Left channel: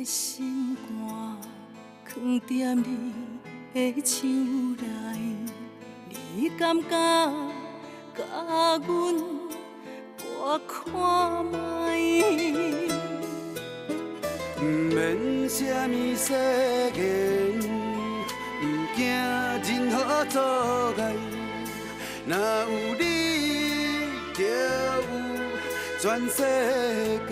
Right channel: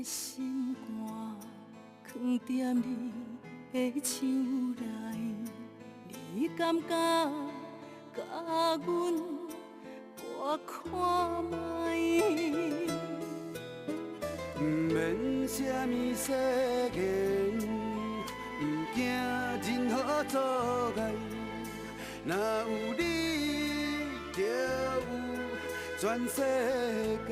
的心肝藏在你的手内，你敢敢甲阮我看卖？不免什么世间，不惊任何阻碍，若有你，就有全世界。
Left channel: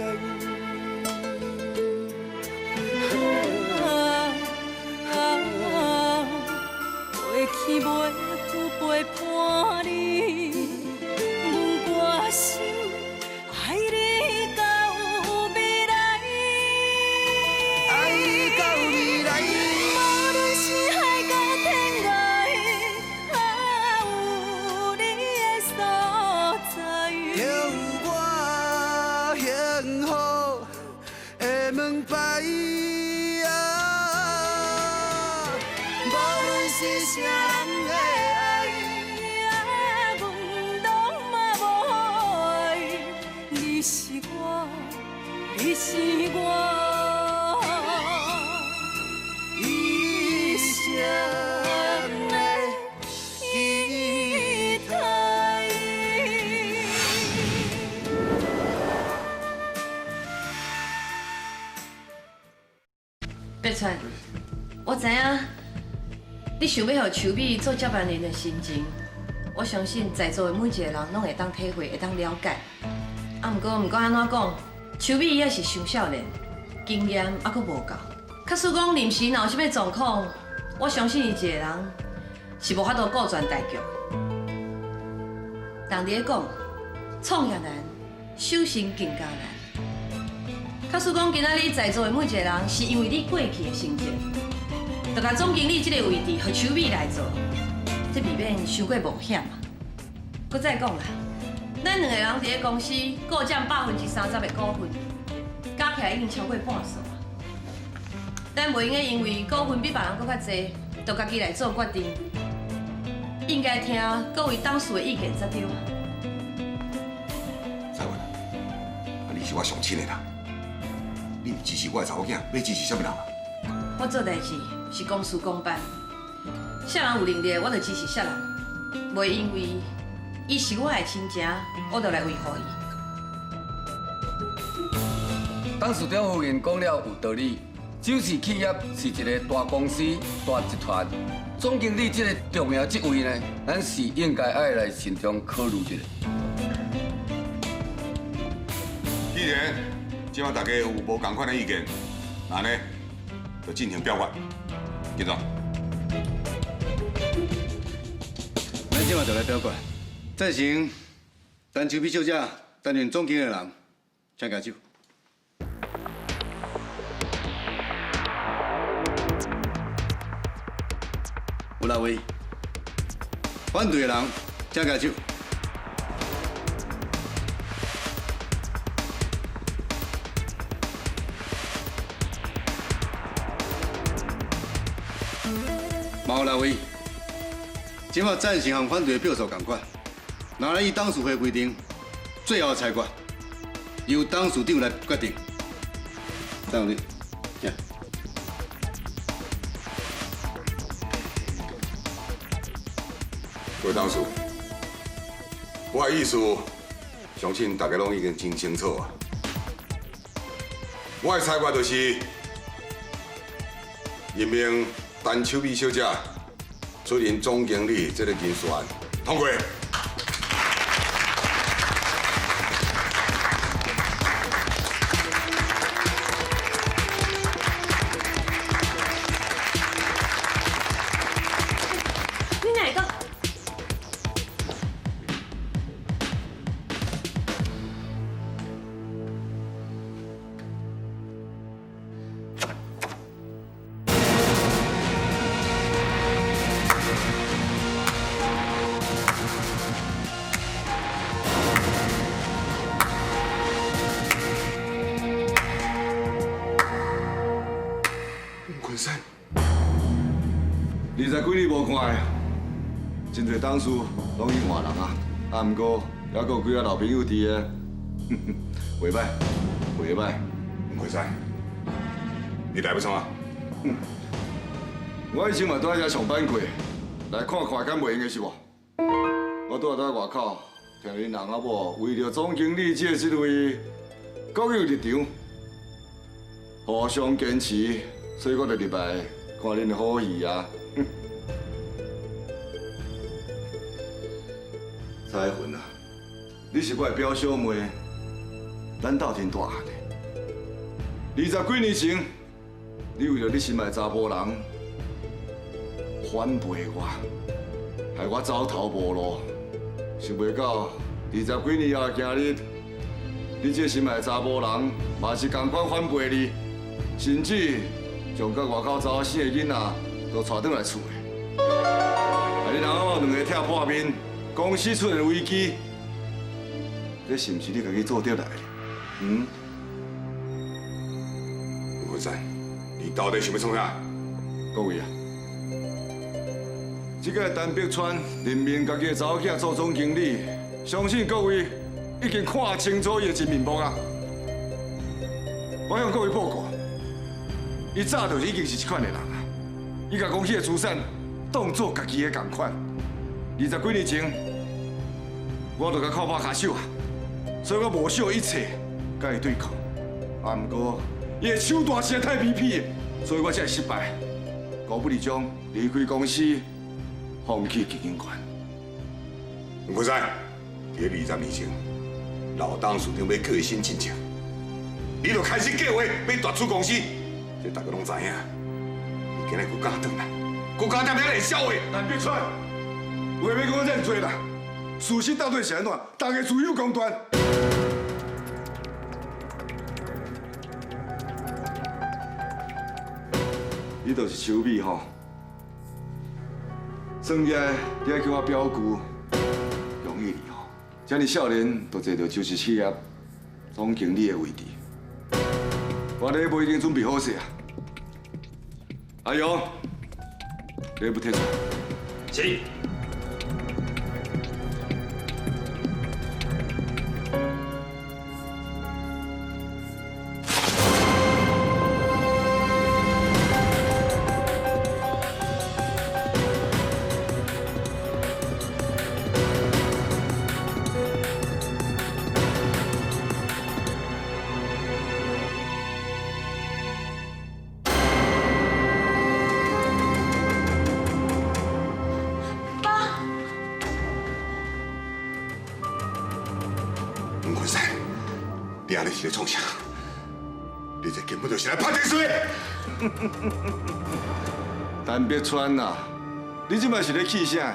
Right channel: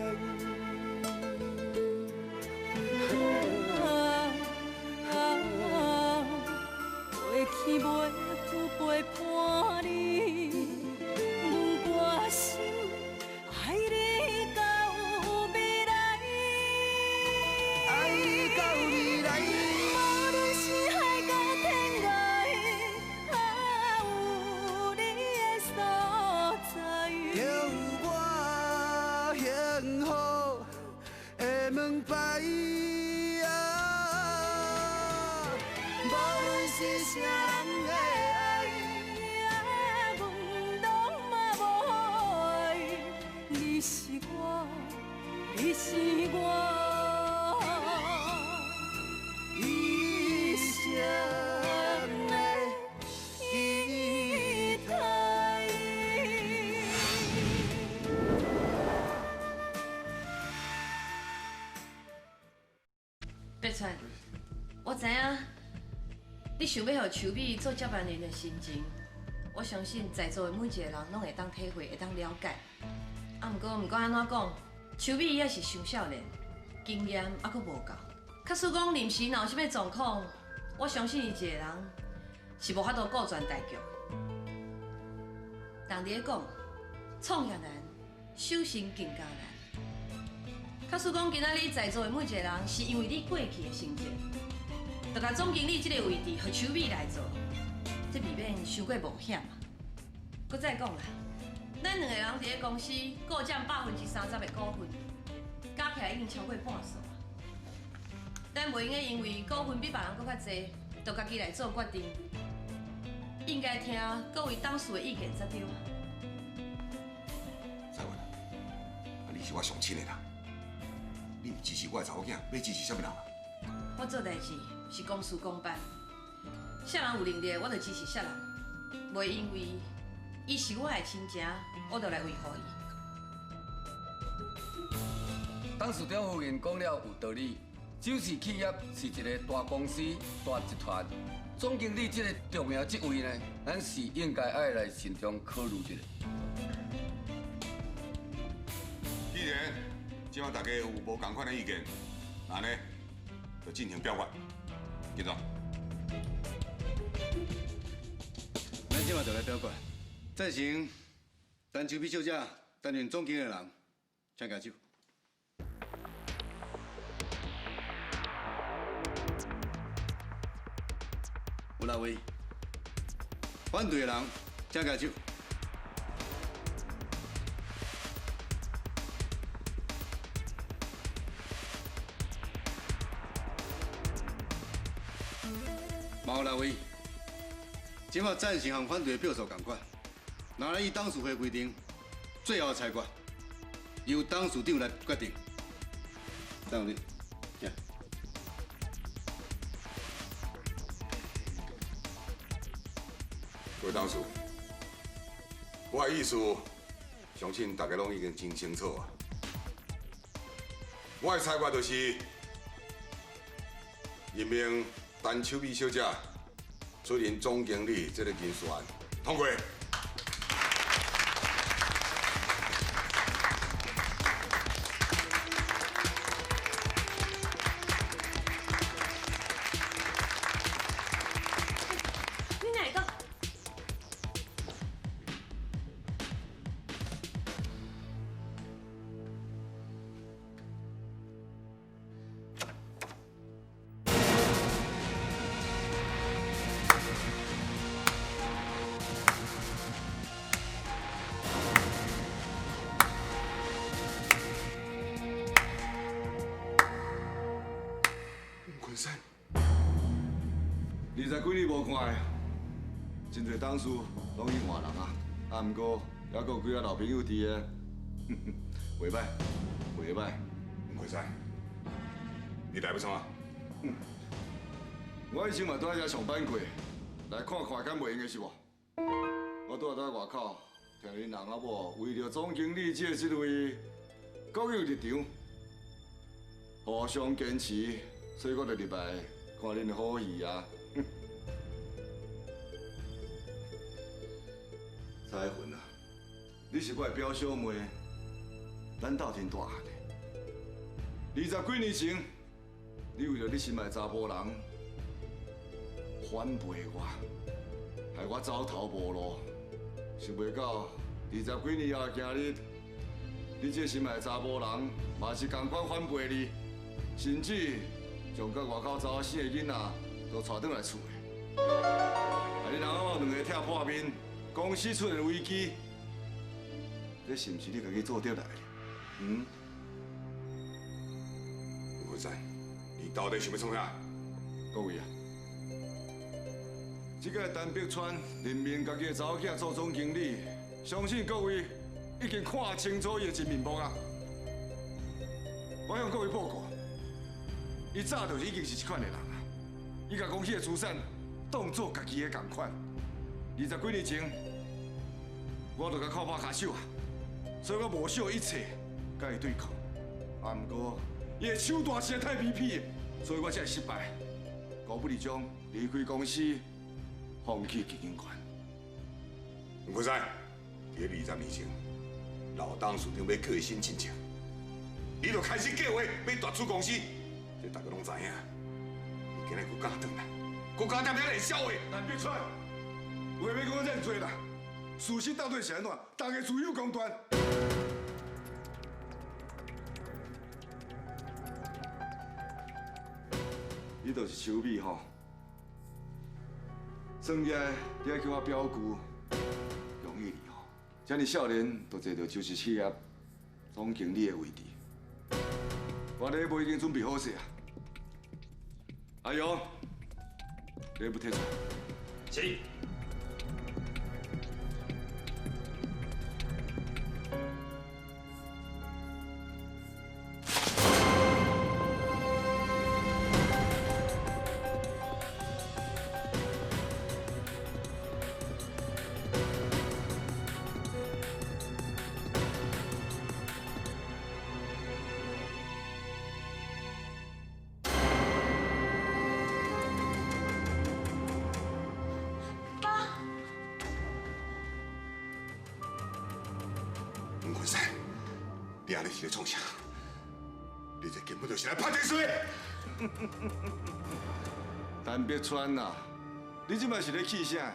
过去袂有陪伴你，我心爱你到未来，爱到未来。无论是海角天涯，有你的所在，就有我幸福的门牌。无论是啥人的爱，阮拢嘛无爱，你是我，你是我一生的期待。北川，我知影你想要互秋美做接班人的心情，我相信在座的每一个人拢会当体会，会当了解。不过安怎讲，秋美也是伤少年，经验还佫无够。假使讲临时若有啥物状况，我相信伊一个人是无法度顾全大局。人伫咧讲，创业难，修行更加难。假使讲今仔日在座的每一个人是因为你过去的成绩，就甲总经理这个位置，互秋美来做，这未免伤过冒险嘛。搁再讲啦，咱两个人伫咧公司各占30%的股份，加起来已经超过半数啊。咱袂用个因为股份比别人搁较济，就家己来做决定，应该听各位董事的意见才对啊。蔡文，你是我上亲的人，你支持我的查某囝，要支持什么人啊？我做代志是公事公办，啥人有能力，我就支持啥人，袂因为伊是我的亲情，我就来维护伊。董事长夫人讲了有道理，就是企业是一个大公司、大集团，总经理这个重要职位呢，咱是应该爱来慎重考虑一下。既然今晚大家有无同款的意见，那呢就进行表决。记住，咱今晚就来表决，赞成陈秋美小姐担任总经理的人，请举手。有六位，反对的人请举手。嘛有六位，今晚赞成和反对的票数同款，拿来以董事会规定，最后的裁决由董事长来决定。张你，请。各位董事，我的意思，相信大家拢已经真清楚啊。我的裁决就是任命陈秋美小姐出任总经理这个人选，通过。你哪个？昆山， 20几年无看的，真侪董事拢去换人啊。啊，不过还佫有几个老朋友伫个，袂歹，袂歹。昆山，你来要创啊？我以前嘛在遐上班过，来看看敢袂用的是无？我拄在外口听恁人阿某为着总经理这位各有立场，互相坚持，所以我就入来看恁的好戏啊。彩云啊，你是我的表小妹，咱斗阵大汉的。20几年前，你为了你心爱查甫人反背我，害我走投无路。想袂到20几年后的今日，你这心爱的查甫人嘛是同款反背你，甚至将到外口走死的囡仔都带转来厝的。害你人某两个拆破面，公司出现危机，这是毋是你家己做得来的？吴文山，你到底想要创啥？各位啊，这个陈碧川任命家己的查某囝做总经理，相信各位已经看清楚伊的真面目啊！我向各位报告，伊早就是已经是这款的人啊！伊甲公司的资产当作家己的同款。20几年前，我就甲靠拍下手啊，所以我无惜一切甲伊对抗。啊，不过伊的手段实在太卑鄙，所以我才会失败。高不离中离开公司，放弃基金权。吴文山，在20年前，老董事长要叫伊新进程，你就开始计划要夺出公司，这大家拢知影。你今日佫敢转来，佫敢踮遐来笑话？陈碧川，话要讲遮多啦，事实到底是安怎？大家自有公断。你就是秋美吼，算起来你还叫我表姑，容易哩吼。这么少年就坐到周氏企业总经理的位置，我咧无已经准备好势啊。阿勇，你不退出？是。吴文山，你安尼是咧创啥？你这根本就是来拍电视的！陈碧川呐，你即摆是咧气啥？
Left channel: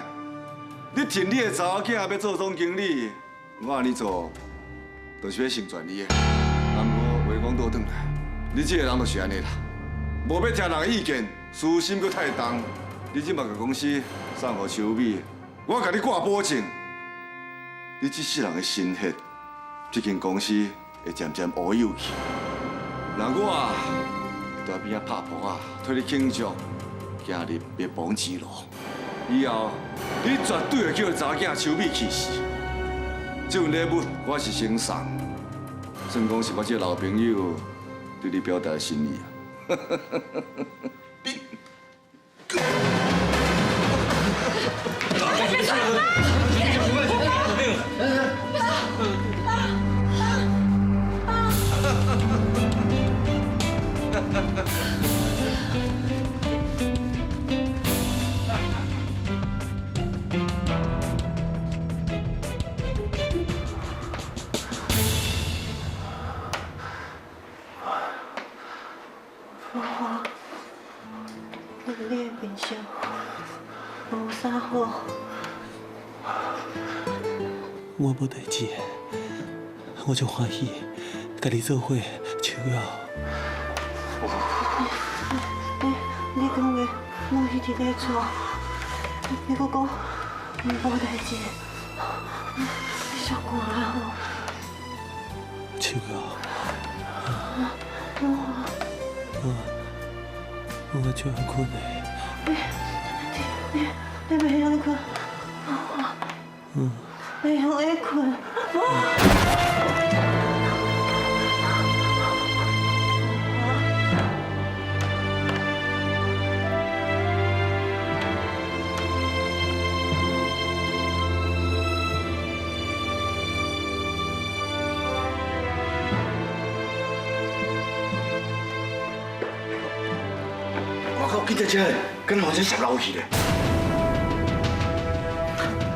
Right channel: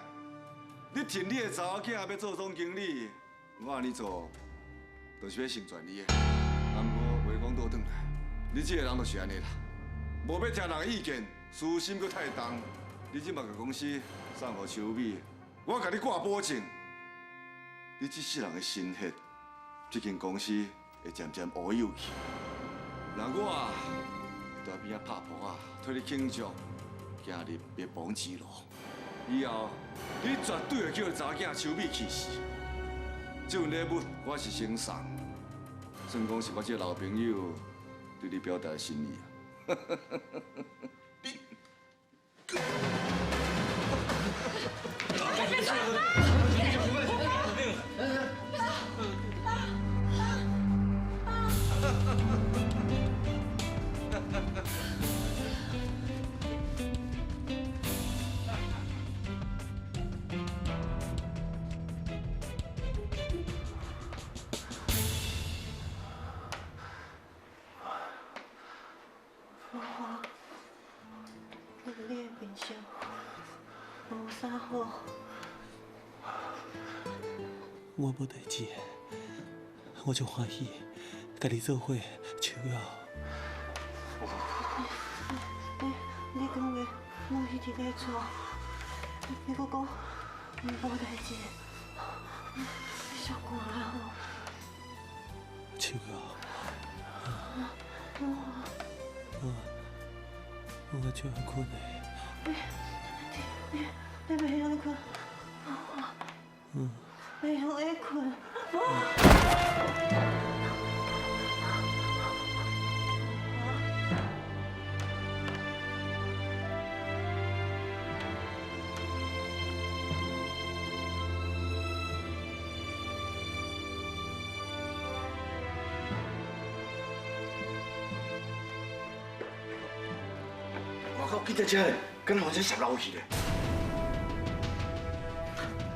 你听你的查某囝要做总经理，我安尼做，就是要成全你的。啊，不过话讲倒转来，你这个人就是安尼啦，无要听人的意见，私心搁太重。你即摆甲公司送互秋美，我甲你挂保证，你这世人的心血，这间公司会渐渐乌有去。那我在边仔拍扑啊，替你庆祝，今日灭亡之路。以后你绝对会叫查囝秋美去死。这份礼物我是先送，算讲是我这老朋友对你表达的心意啊。那个你的冰箱无啥好。我无代志，我就欢喜，甲你做伙笑啊！你讲话拢一直在错，你搁讲无代志，你小可爱吼。笑啊！我就要困嘞。你袂晓困？袂晓会困？在这，跟好像下楼去咧。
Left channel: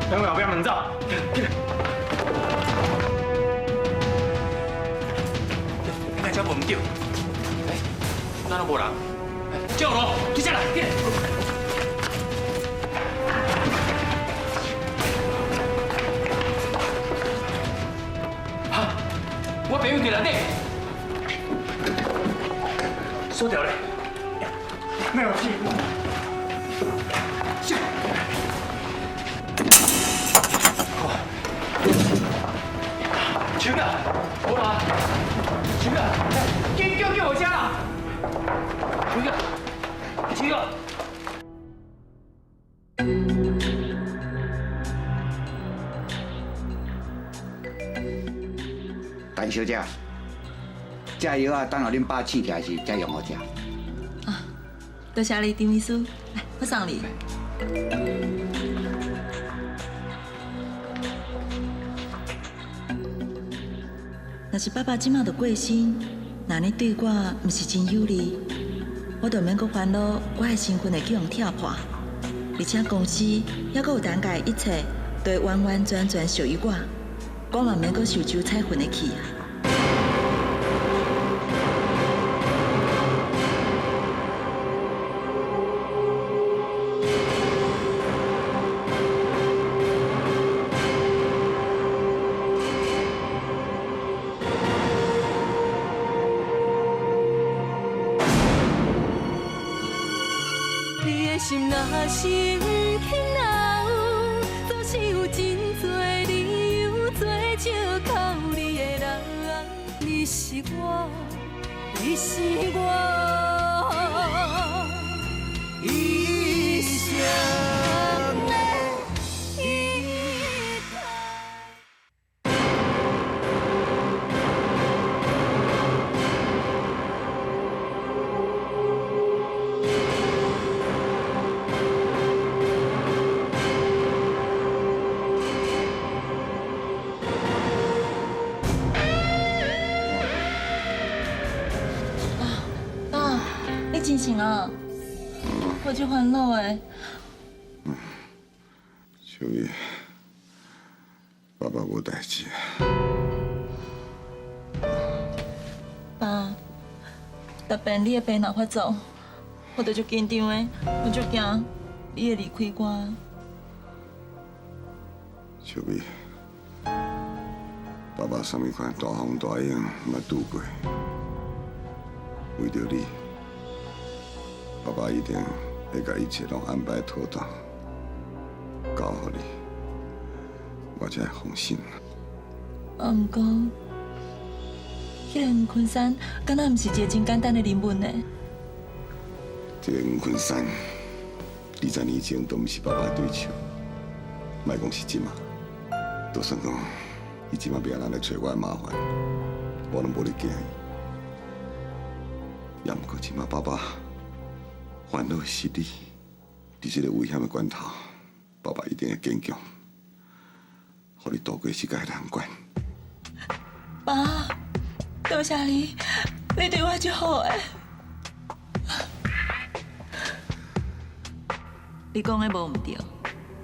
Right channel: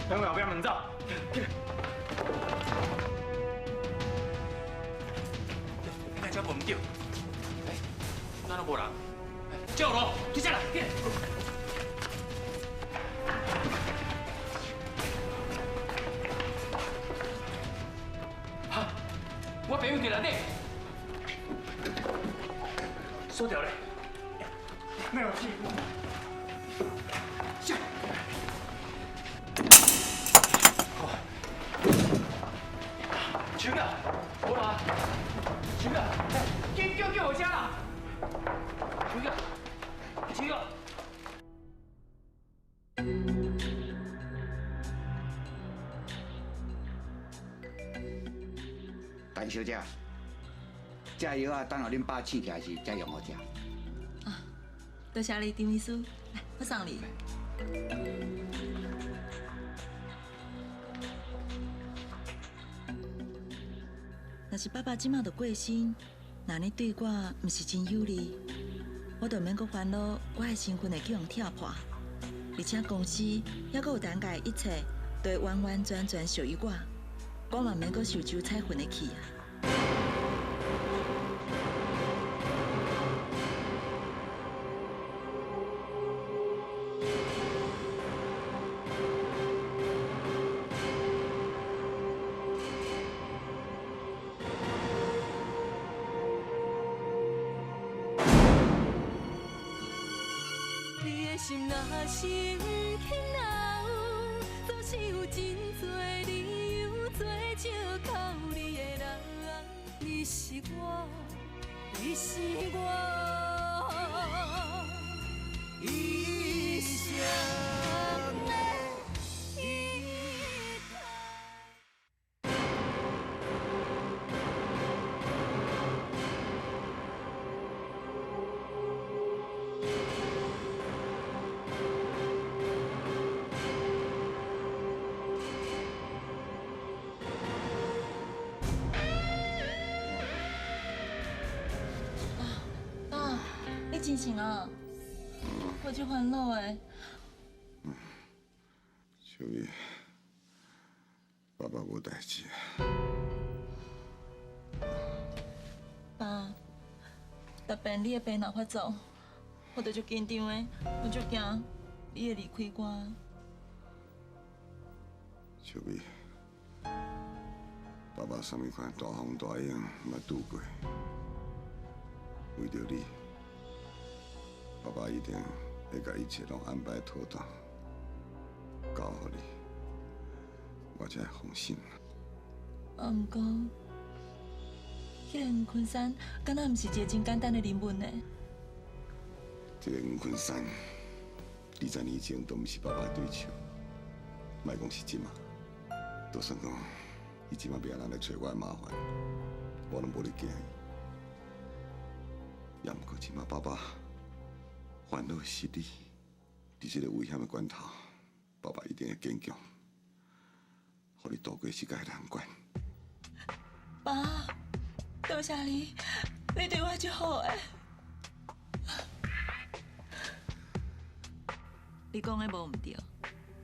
两位后壁门走。那车无唔叫，哪都无人，叫咯，去下来。哈，我朋友在内底，锁掉咧，没有事。全了，无啦，全了，紧叫我家啦，全了。陈小姐，这药啊，等候恁爸醒起来时才用好食。啊，多谢你，丁秘书，来，我送你。若是爸爸即马就过身，若你对我毋是真有利，我就免阁烦恼我的身份会去用跳破，而且公司还阁有等家一切都会完完全全属于我嘛免阁受周彩云的气啊。你的心若是不肯留，总是有真多理由做借口。你的人，你是我，你是我一生的依靠。爸，你真醒啊？我就烦恼诶。小玉，爸爸无代志。爸，逐遍你的病若发作，我就足紧张的，我足惊你会离开我。小玉，爸爸什么款大风大影嘛拄过，为着你，爸爸一定会把一切拢安排妥当，交予你，我才会放心。啊，毋过，迄个吴昆山，敢若毋是一个真简单的人物呢？这个吴昆山，20年前都毋是爸爸的对手，莫讲是即马，就算讲伊即马别人来找我的麻烦，我拢无咧惊伊。也毋过即马爸爸烦恼的是你，伫这个危险的关头，爸爸一定会坚强，互你度过世界的难关。爸，多谢你，你对我足好诶。你讲的无毋对，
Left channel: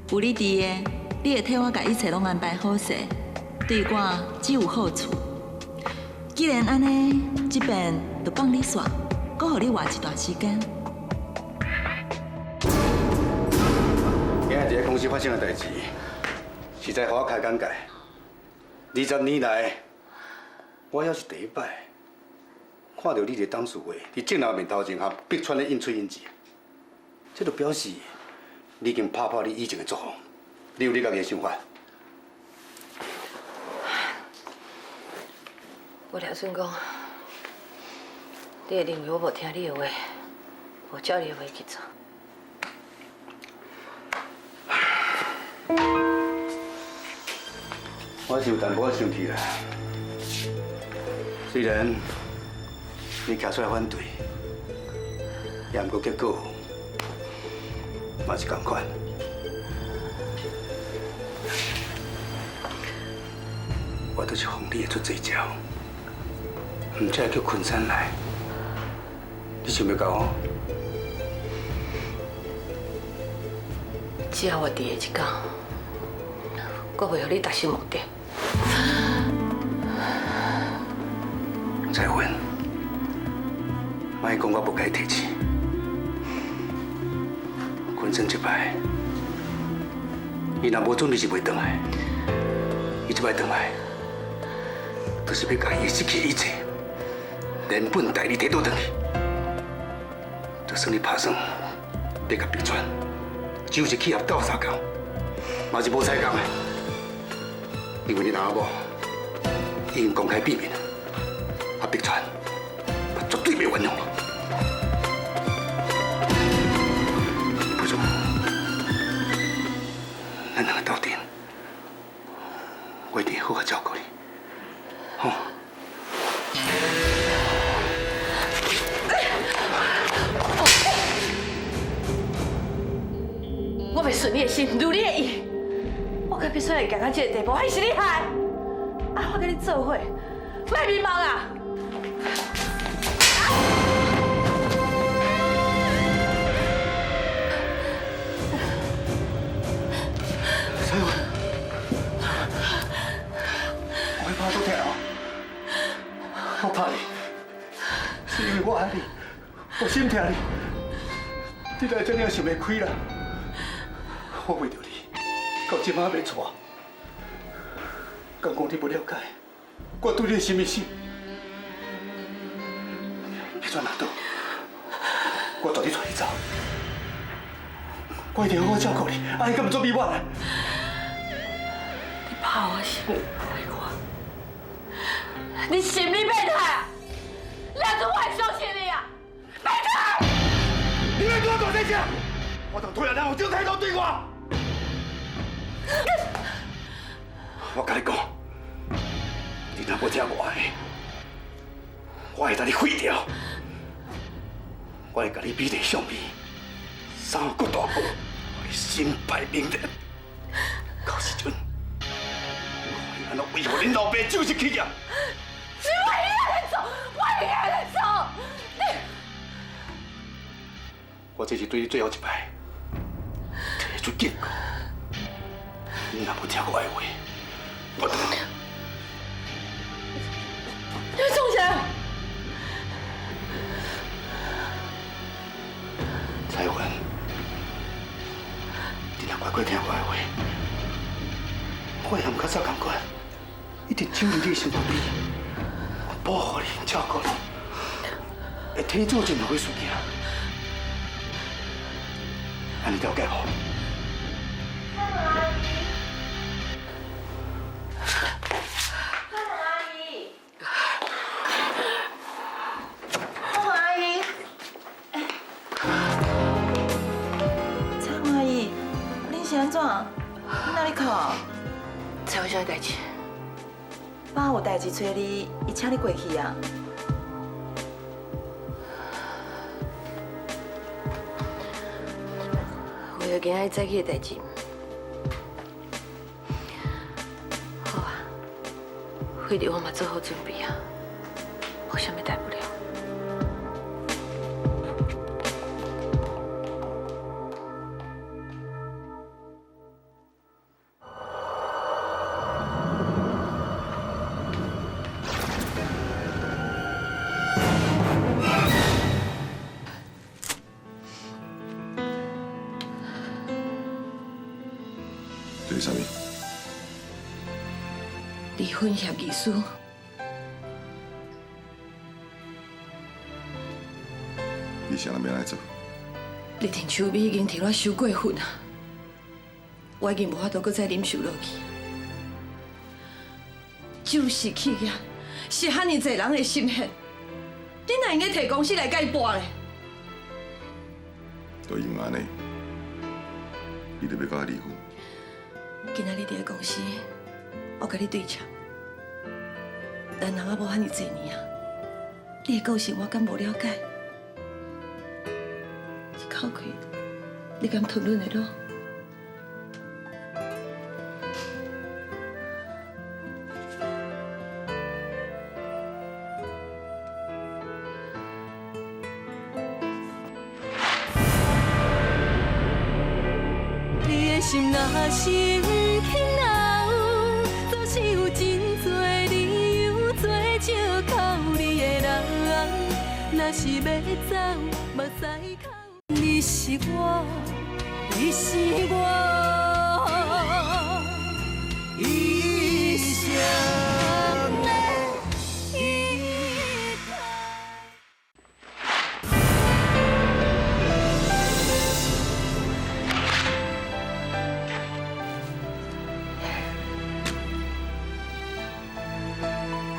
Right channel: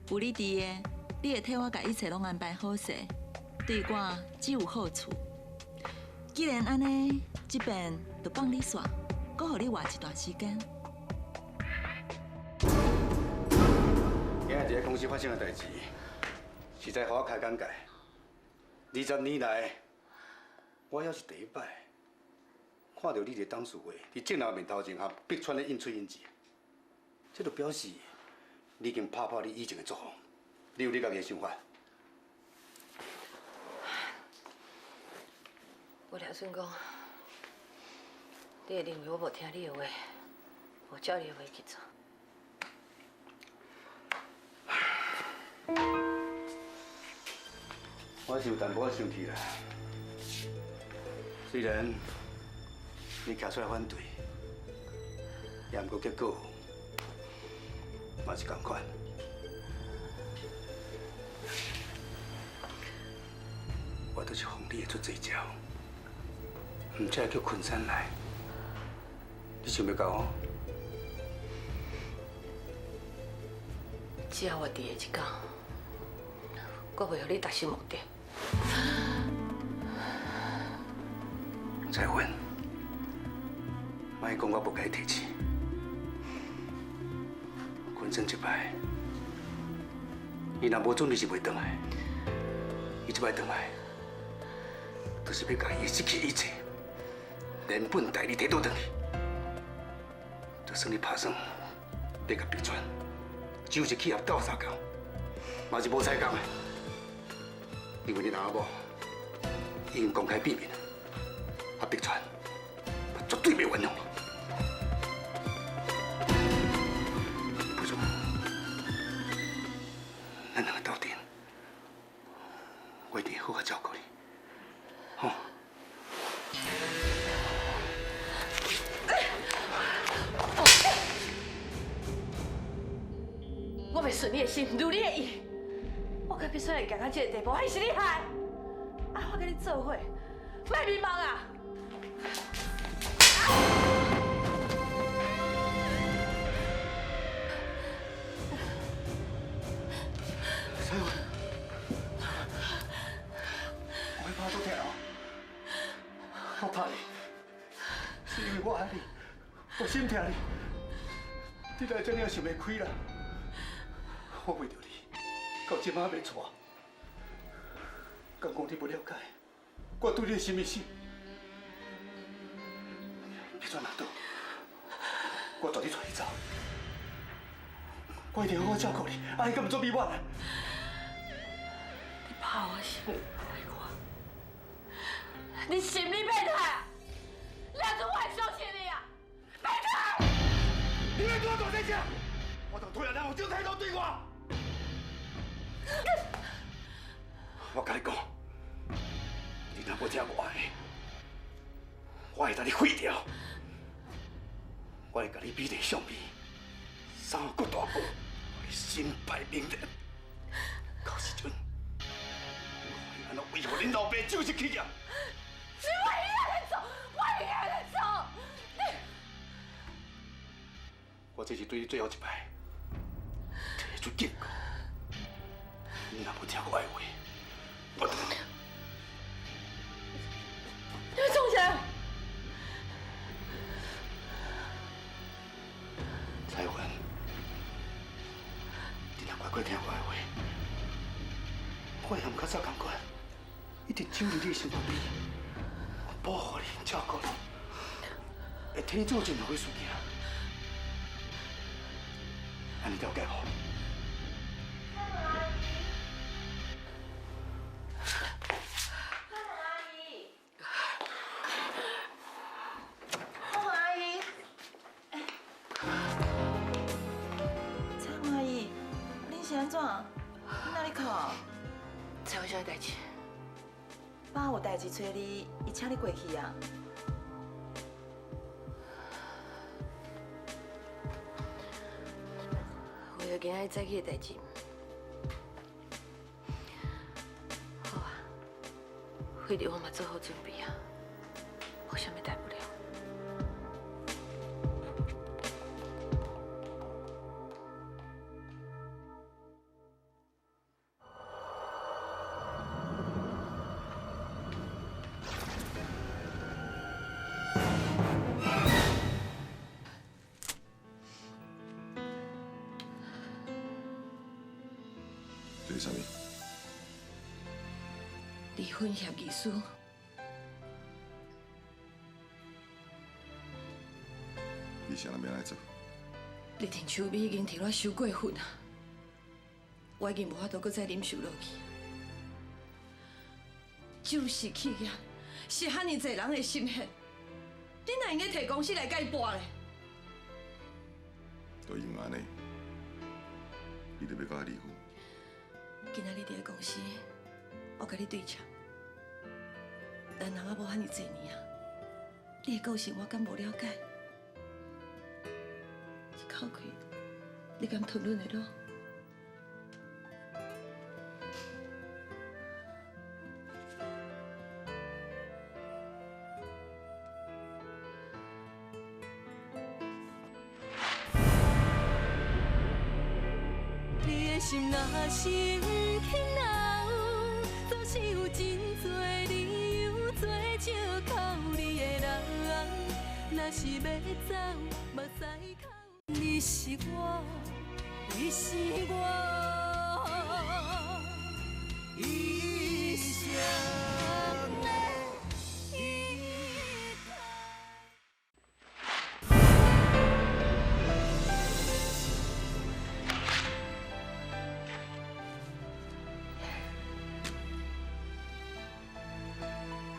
有你伫的，你会替我甲一切拢安排好势，对我只有好处。既然安尼，这边就放你煞，搁互你活一段时间。今日在公司发生的代志，实在互我开眼界。20年来，我还是第一摆看到你伫董事会伫镜头面头前和碧川咧应嘴应舌，这就表示你已经打破你以前的作风。你有你家己的想法。我听孙讲，你会认为我无听你的话，无照你的话去做。我是有淡薄生气啦。虽然你站出来反对，也毋过结果嘛是同款。我就是奉你的出这招，唔才会叫昆山来。你想要甲我？只要我伫的一天，我会互你达成目的。彩云，莫讲我不该提起。坤正这摆，伊若无准你是袂回来。伊这摆回来，就是要甲伊失去一切，连本带利摕倒转去。就算你打算要甲逼转，就是企业斗相共，嘛是无采共的，因为你阿某已经公开避免了。 啊！逼川，我绝对袂原谅你。不如，咱两个斗阵，我一定会好好照顾你，好。我袂顺你的心，如你的意。我可必须会行到这个地步，还是你害？啊！我跟你做伙，莫迷茫啊！ 彩云，我会怕都疼哦。我怕你，是因为我爱你，我心疼你。你来这样想袂开啦。我为着你，到今仔要娶。敢讲你不了解，我对你什么心？你转哪倒？我带你出去走。我一定好好照顾你，阿姨根本做比我呢。 你怕我是不爱我？你心里变态啊！两种我还相信你啊！变态！你别对我大声讲，我当突然让我就抬头对我。我跟你讲，你若不听我的，我会把你毁掉。我会把你比在上面，三骨大骨，身败名裂。到时阵。 安怎为何恁老爸就是企业？是我一个人走，我一个人走。我这是对你最后一摆，提出警告。你若不听我的话，我就宋晨，彩云，你若乖乖听我的话，我也唔较早同款。 一定照顾你身旁边，保护你、照顾你，会提早进入去事件。安尼了解无？阿姨，蔡阿姨，恁是安怎？你哪里哭？才有啥代志？ 爸有代志找你，伊请你过去啊。为了今仔早起的代志，好啊，回头我嘛做好准备啊，无啥物大不了。这是啥物？离婚协议书，你啥人要来做？你田秋美已经替我收过份啊，我已经无法度再忍受落去。就是企业，是遐尼侪人的心血，你哪应该摕公司来解决咧？都因为安尼，你就要甲我离婚？今仔日伫个公司，我甲你对呛，咱人也无遐尼侪年啊，你的个性我敢无了解？一口气，你敢吞忍得落？你的心若是不肯留，总是有真多理由做借口你的人。若是要走，目屎哭。你是我，你是我，一生的依靠。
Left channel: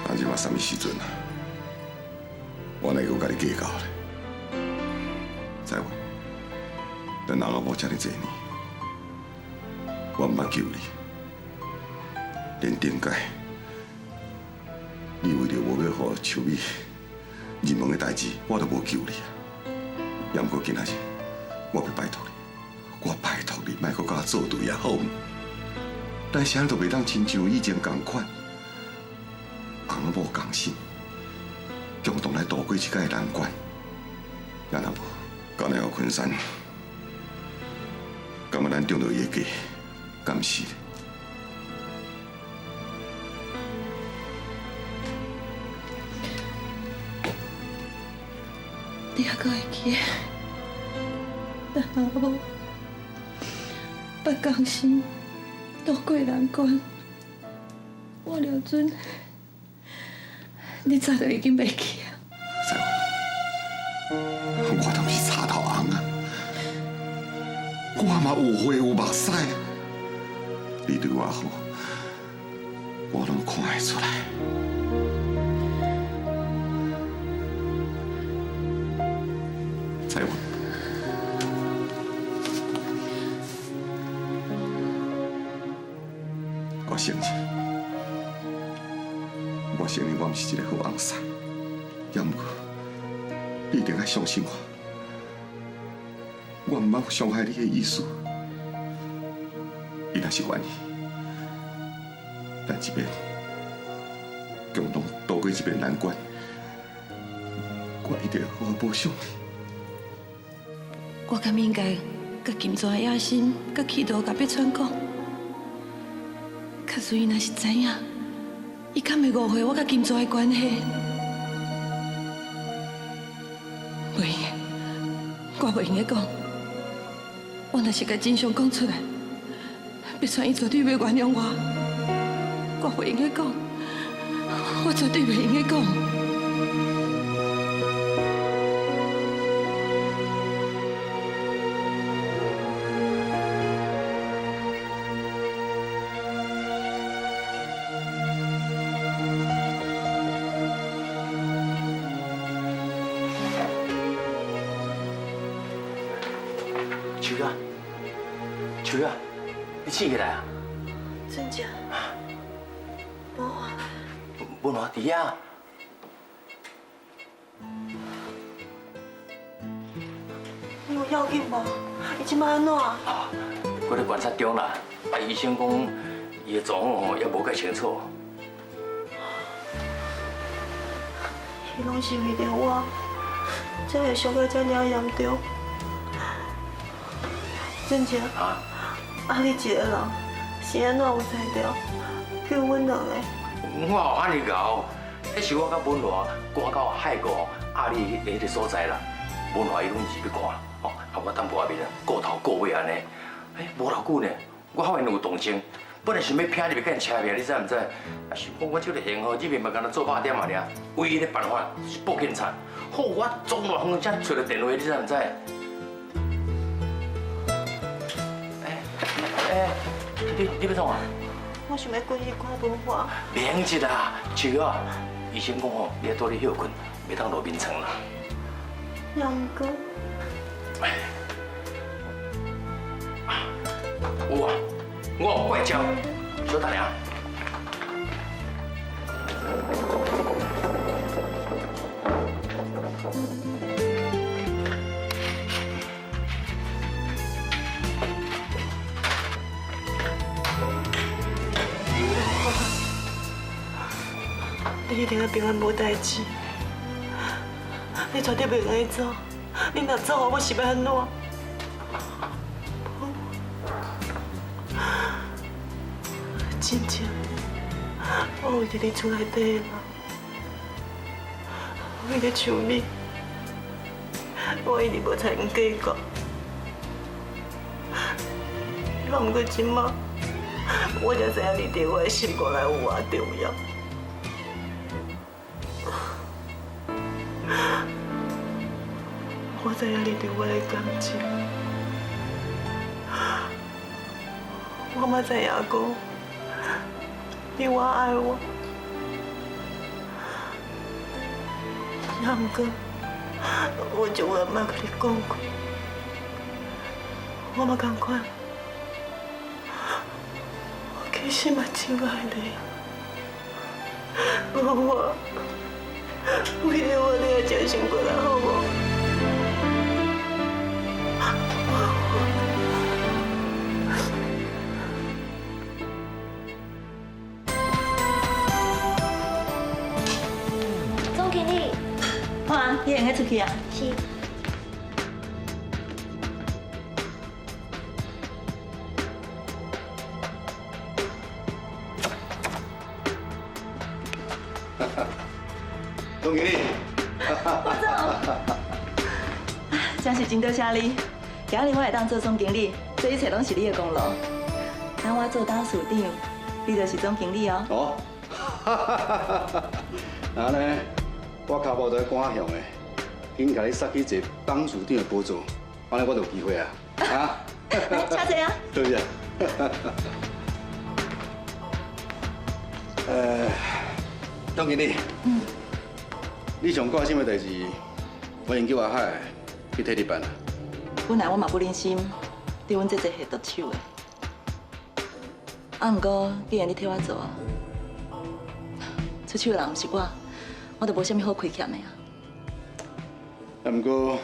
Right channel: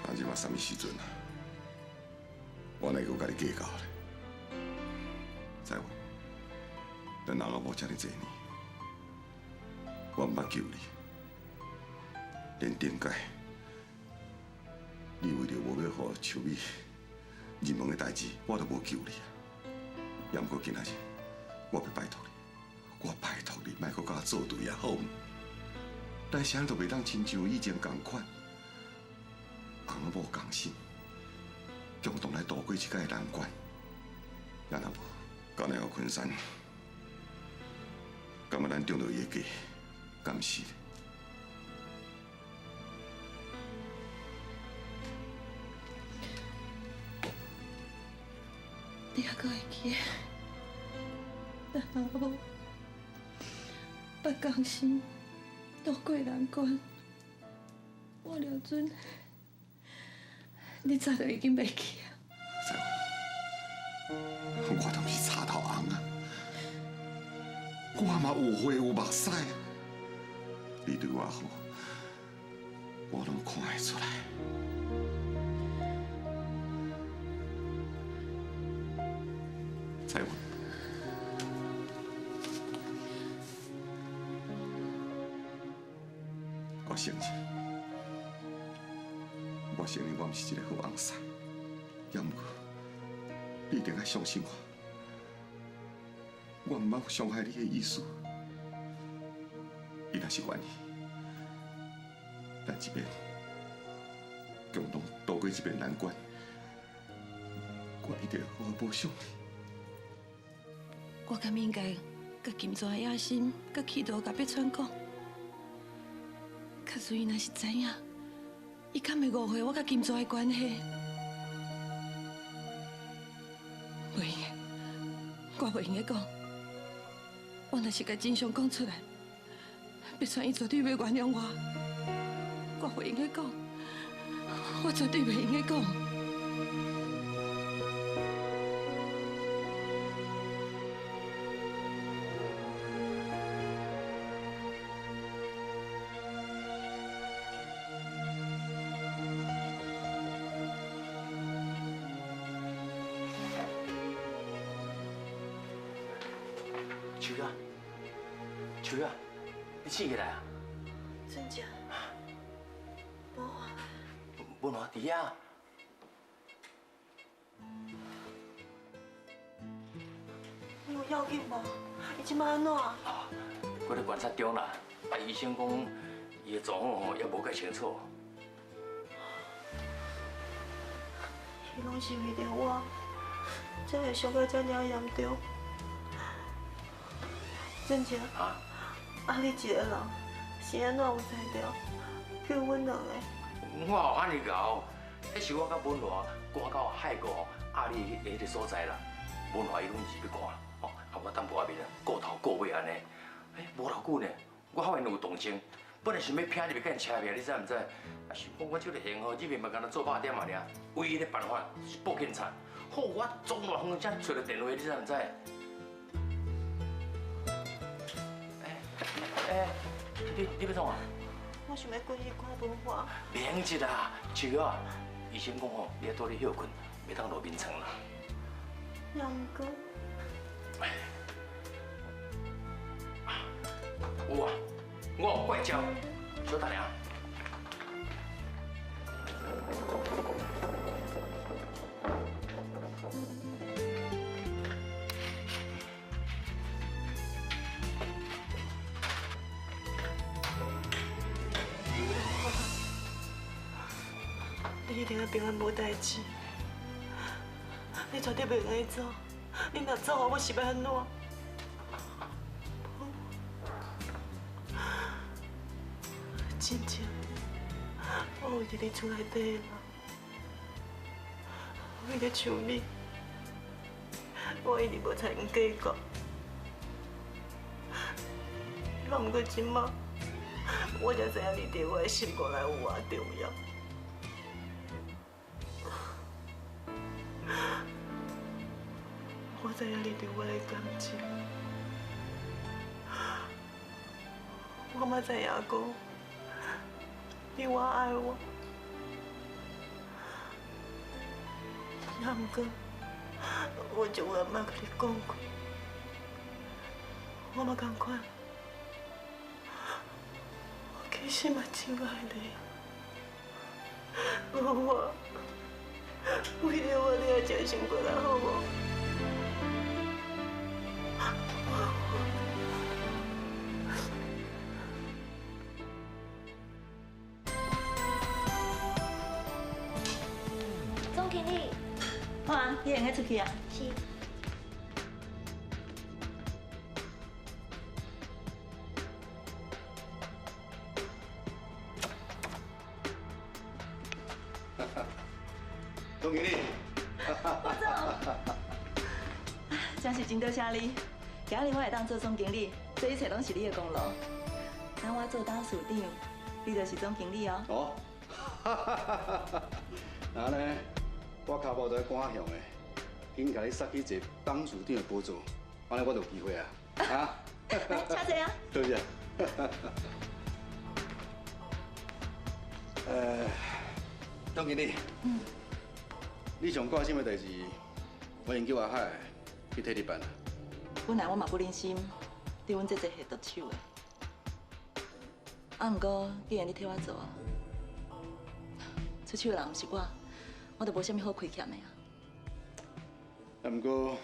啊，即马什么时阵啊？我哪个甲你计较咧？知无？咱人也无遮尔济年，我毋捌救你，连顶界，你为着无要互秋美入门的代志，我都无救你啊。也毋过今仔日，我要拜托你，我拜托你，莫搁甲我作对啊，好毋？咱谁都袂当亲像以前同款，公母共心，共同来度过这个难关。也若无，到了昆山。敢若咱中到伊的计，敢是？你还阁会记？咱阿母把江心渡过难关，我了准，你早就已经袂记啊。我都不是插头红啊！我嘛有血有目屎，你对我好，我拢看会出来。彩云，我承认我毋是一个好翁婿，也毋过你一定要相信我。我毋捌伤害你的意思，伊若是愿意，咱这边共同度过这边难关，我一定会好好报偿你。我敢应该甲金庄的野心、甲企图甲别川讲，可是伊若是知影，伊敢会误会我甲金庄的关系？袂用的，我袂用的讲。我若是甲真相讲出来，别川伊绝对袂原谅我。我袂用的讲，我绝对袂用的讲。秋月，秋月，你醒起来啊？真假？无啊。不喏，伫遐。你有要紧无？伊即摆安怎？我咧观察中啦，医生讲伊的状况吼也无介清楚。伊拢是为着我，才会伤到遮尔严重。真正啊，你一个人是安怎有才着救阮两个？我有安尼搞，迄是我甲文华赶到海国阿里迄个所在啦。文华伊拢是要看，吼，啊我等外面顾头顾尾安尼。无偌久呢，我发现有动静，本来想要骗入去甲因车票，你知唔知？啊，想讲我这个闲货入面嘛，干那做8点啊尔，唯一的办法是报警察。好，我从偌远才找到电话，你知唔知？你要创啊？我想要过去看文化。免急啦，秋啊，医生讲吼，你要多咧休困，袂当落眠床啦。也毋过，有啊，我有怪招，小等下。你一定要平安无代志，你绝对袂来走。你若走，我是要安怎？心情，我为着你厝内底的人，为了像你，我一直无参与计较。若毋过即马，我才知影你对我的心肝内有偌重要。我知影你对我的感情，我嘛知影讲，你我爱我，也毋过，我就话莫甲你讲过，我嘛同款，我其实嘛真爱你，我为了我，你要真心过来好无？总经理，哇，你会出去啊？是。总经理，真是真多谢你，今日我会当做总经理，这一切拢是你的功劳。那我做董事长，你就是总经理哦。哦，那呢，我脚步在赶向的，紧甲你塞去一个董事长的宝座，安尼我就有机会啊！啊，请坐啊。对不对？总经理，你上挂什么代志？我研究阿海去替你办啊。本来我嘛不忍心对阮这个下毒手的，毋过既然你替我做啊，出手的人毋是我就无啥物好亏欠的啊。毋过，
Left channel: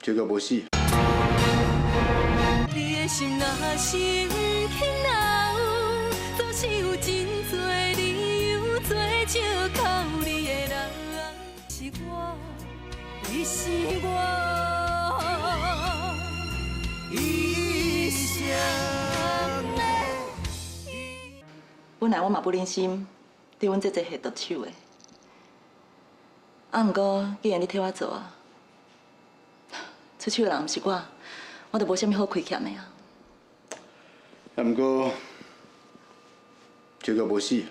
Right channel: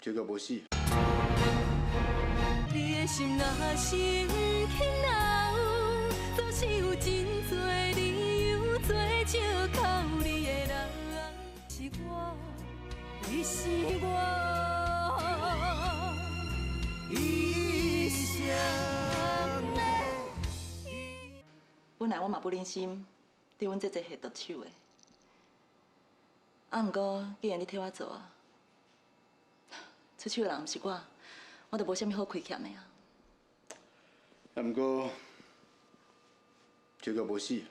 这个无死。你的心若是轻留，总是有真多理由做借口。你的人是我，你是我，一生的。本来我嘛不忍心对阮这个下毒手的，毋过既然你替我做啊，出手的人毋是我就无啥物好亏欠的啊。毋过，这个无死。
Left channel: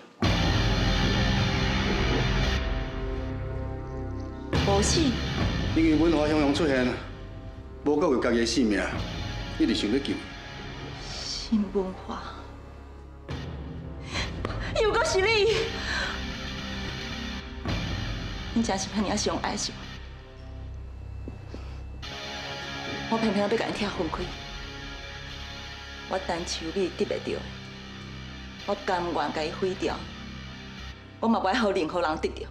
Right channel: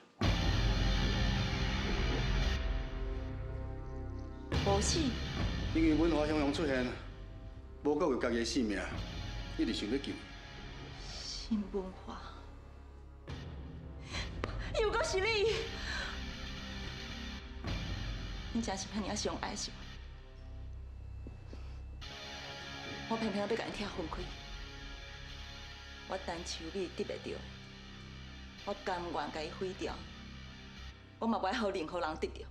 无死？因为文华雄雄出现，无顾为家己的性命，一直想要救。新文化，又搁是你！你真是遐尔上爱是我偏偏要甲你拆分开。我单手米得袂到，我甘愿甲伊毁掉，我嘛不爱互任何人得到。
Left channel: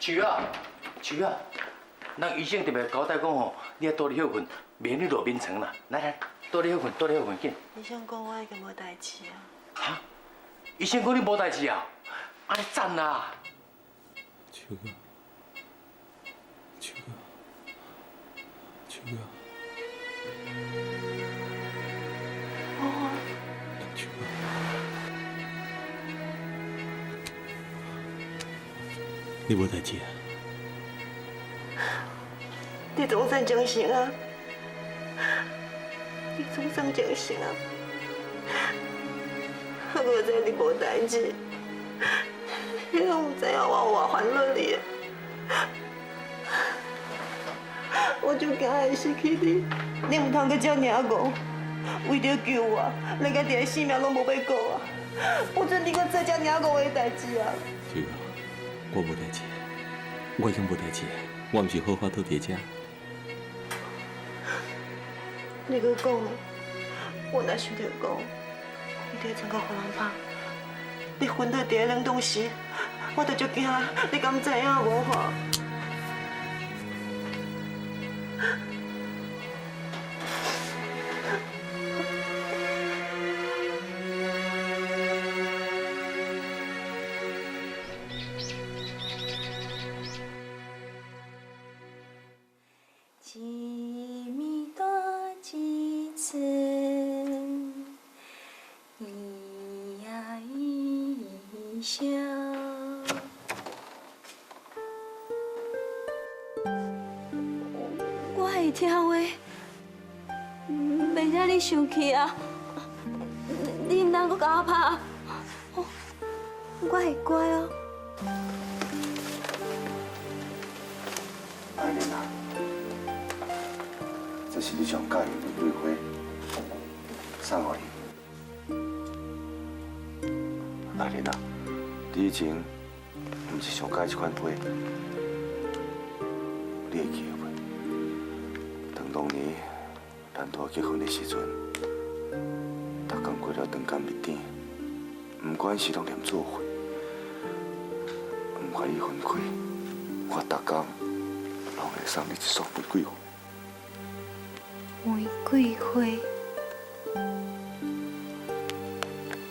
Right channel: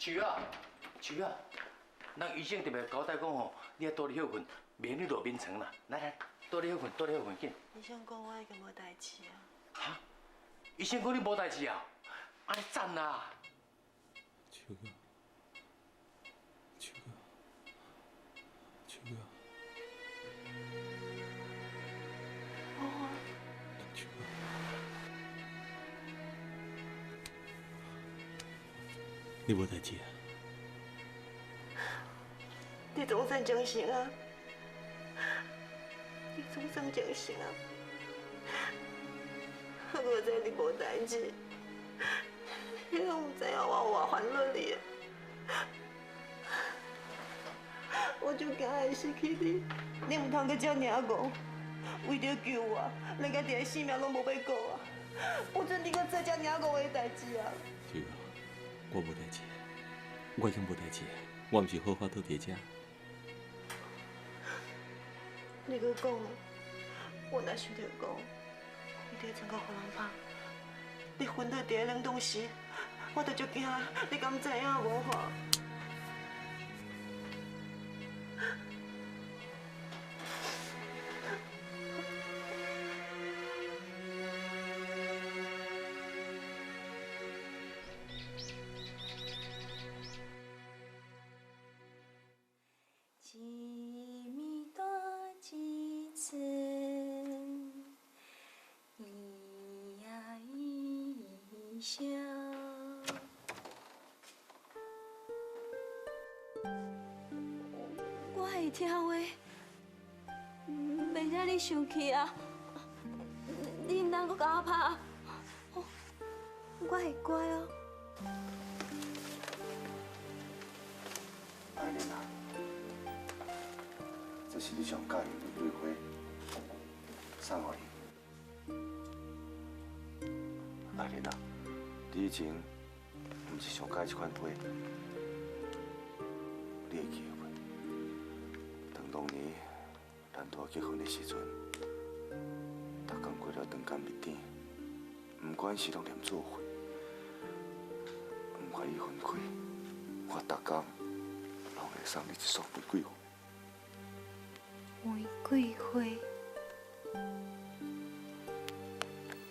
树啊，树啊，人医生特别交代讲吼，你要多啲休困，免你落眠床啦。来，多啲休困，多啲休困，紧。医生讲我已经无代志啊。哈？医生讲你无代志啊？安尼赞啦！秋哥，秋哥，秋哥，秋哥，你无代志啊？你总算清醒啊！你总算清醒啊！我知你无代志，你拢唔知影我有偌烦恼你。我就惊会失去你，你唔通阁遮尔戆，为着救我，连家己的性命拢无要顾啊！有准你阁做遮尔戆的代志啊！秋哥，我无代志，我已经无代志，我唔是好好倒伫遮。你阁讲，我若想着讲，你伫床角互人拍，你昏倒伫个冷冻室，我着足惊，你敢知影无吼？声。我会听话，袂使你生气啊！你唔通搁甲我拍，我会乖哦。爱玲啊，这是你上喜欢的玫瑰花，送互你。爱玲啊，你以前唔是上喜欢这款花，你会记得袂？当年咱拄结婚的时阵，逐工过了长工日顶，不管是拢念做伙，唔怪伊分开，我逐工拢会送你一束玫瑰花。玫瑰花，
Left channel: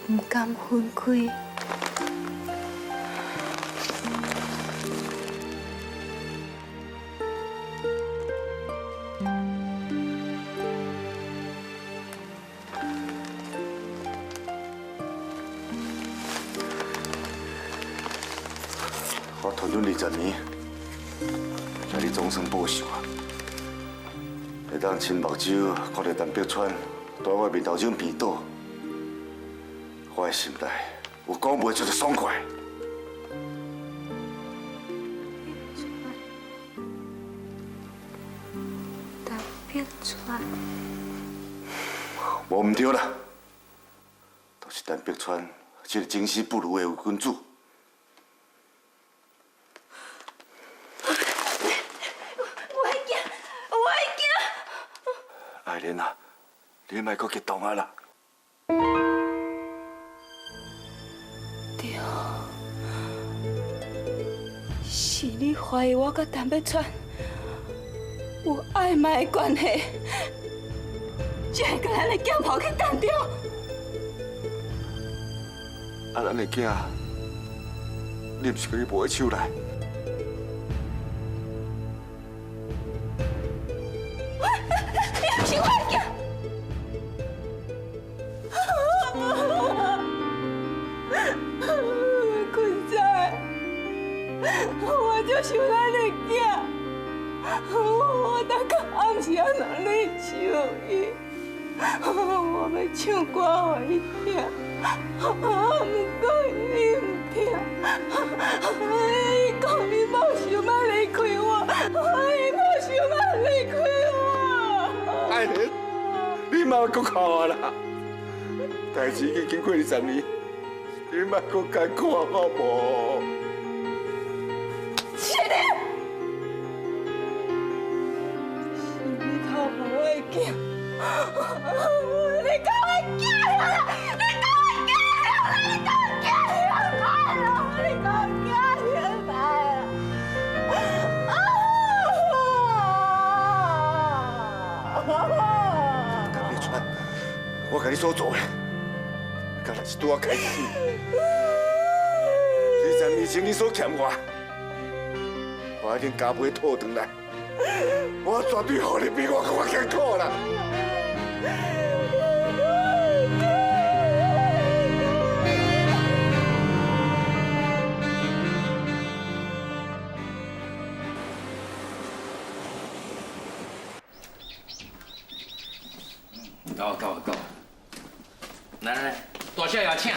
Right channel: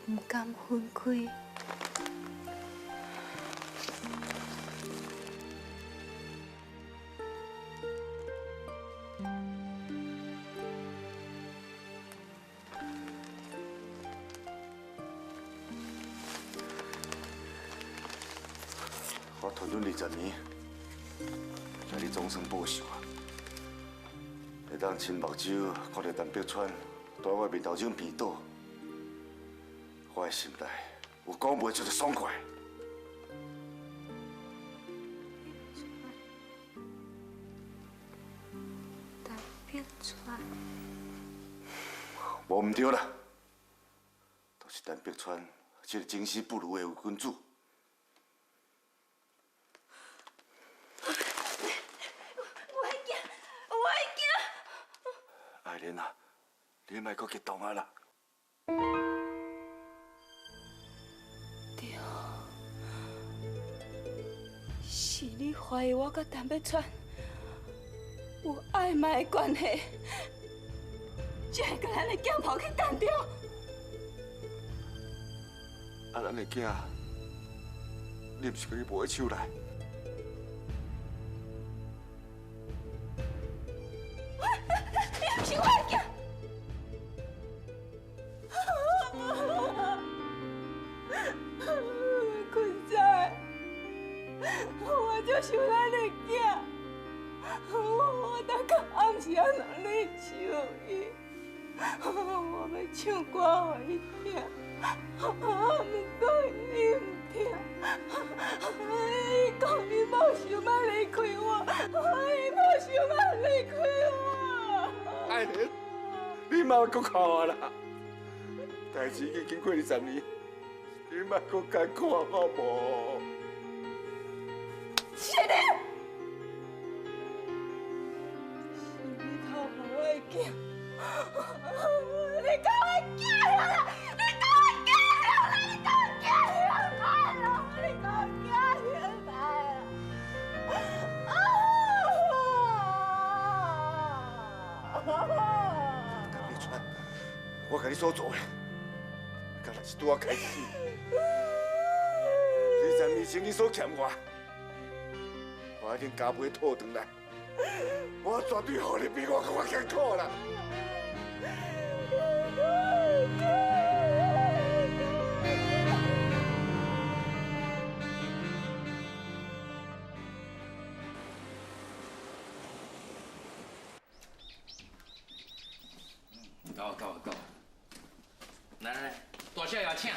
唔甘分开。我拖你20年，叫你终身报仇啊！会当亲目睭看到陈碧川在我面头前病倒，我的心内有讲袂出的爽快。陈碧川，无唔对啦，都是陈碧川这个经世不如的伪君子。爱莲啊，你莫搁激动啊啦！对，是你怀疑我甲陈碧川有暧昧的关系，才甲咱的剑跑去干掉。啊，咱的囝，你毋是甲伊摸起手来？是我的囝。坤仔，我就是咱的囝，我当个暗时啊拿你手伊，我要唱歌给伊听，不过伊唔听，伊讲伊无想要离开我，伊无想要离开我。爱莲，你莫搁哭啊啦！代志已经经过20年，你莫搁艰苦好无？是你，是你偷我的囝，你偷我囝了，你偷我囝了，你偷我囝了，你偷我囝了，陈碧川，我甲你所做的，敢若是拄啊开始。20年前你所欠我，我已经加倍讨回来。我绝对予你比我更艰苦啦！到，来，大少爷请。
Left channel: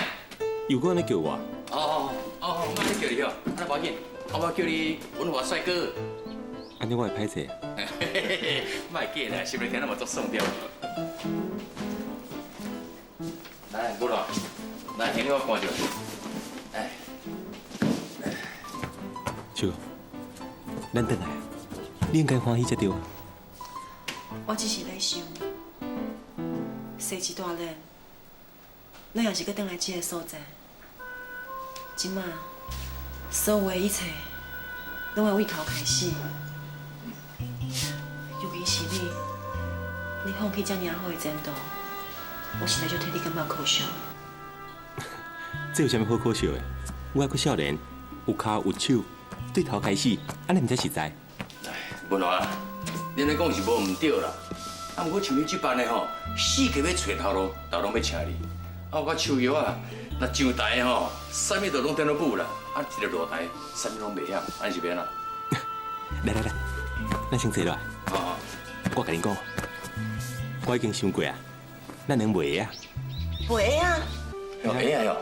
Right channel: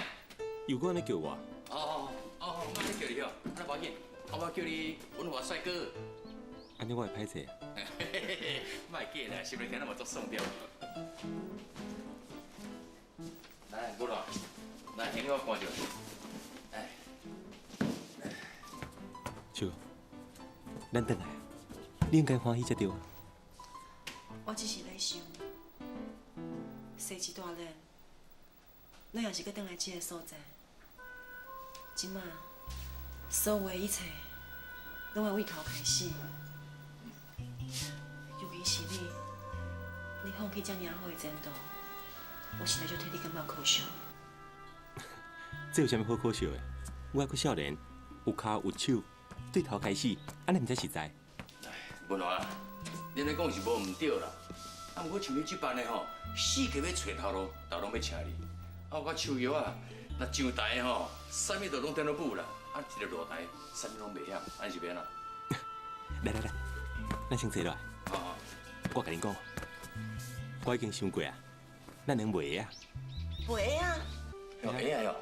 有个人叫我，我咧叫你哦，那无要紧，我叫你文华帅哥。安尼我会歹势。莫紧啦，是不是听那么做送掉？来，过来，来，给我看着。哎，叔，咱回来，你应该欢喜才对。我只是咧想，生一大人，咱也是搁回来这个所在。即马所有的一切，拢要为头开始。尤其是你放弃这尔好的前途，我实在就替你感觉可惜。这有啥物好可笑的？我还阁少年，有骹有手，对头开始，安尼毋才实在。文华啊，你咧讲是无唔对啦。啊，不过像你这般的吼，死计要找头路，都拢要请你。啊，我手摇啊，那上台吼，啥物都拢顶到补啦，啊，一个落台，啥物拢袂晓，安是免啦。来，咱先坐落来。哦，我甲你讲，我已经想过啊，咱能卖啊。袂啊！有会啊哟。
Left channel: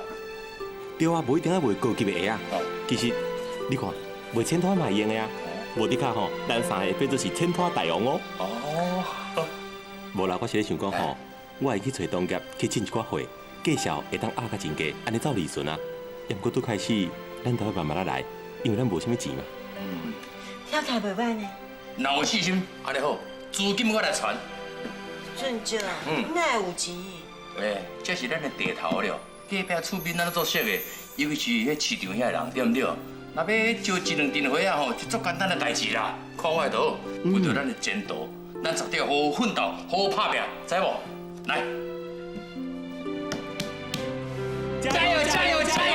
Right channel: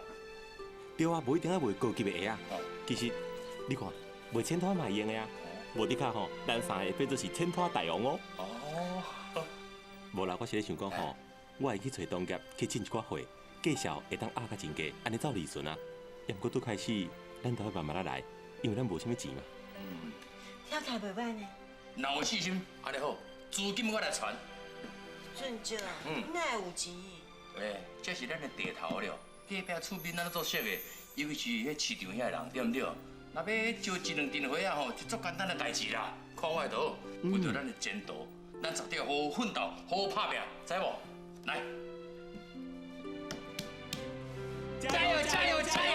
对啊，无一定要卖高级的鞋啊。其实你看，卖千拖嘛会用的啊。无你看吼，咱三个会变做是千拖大王哦。哦。无啦，我是咧想讲吼，我会去找同业去请一寡货，介绍会当压较真价，安尼走利润啊。也毋过拄开始，咱都要慢慢啊来，因为咱无啥物钱嘛。听起来袂歹呢。若有细心，安尼好，资金我来传。真少，哪会有钱？喂，这是咱的地头了，隔壁厝边咱做熟的，尤其是迄市场遐人，对不对？若要招一两阵伙啊吼，是足简单的代志啦。看我的图，为着咱的前途，咱绝对好好奋斗，好好拍拼，知无？来，加油加油加油！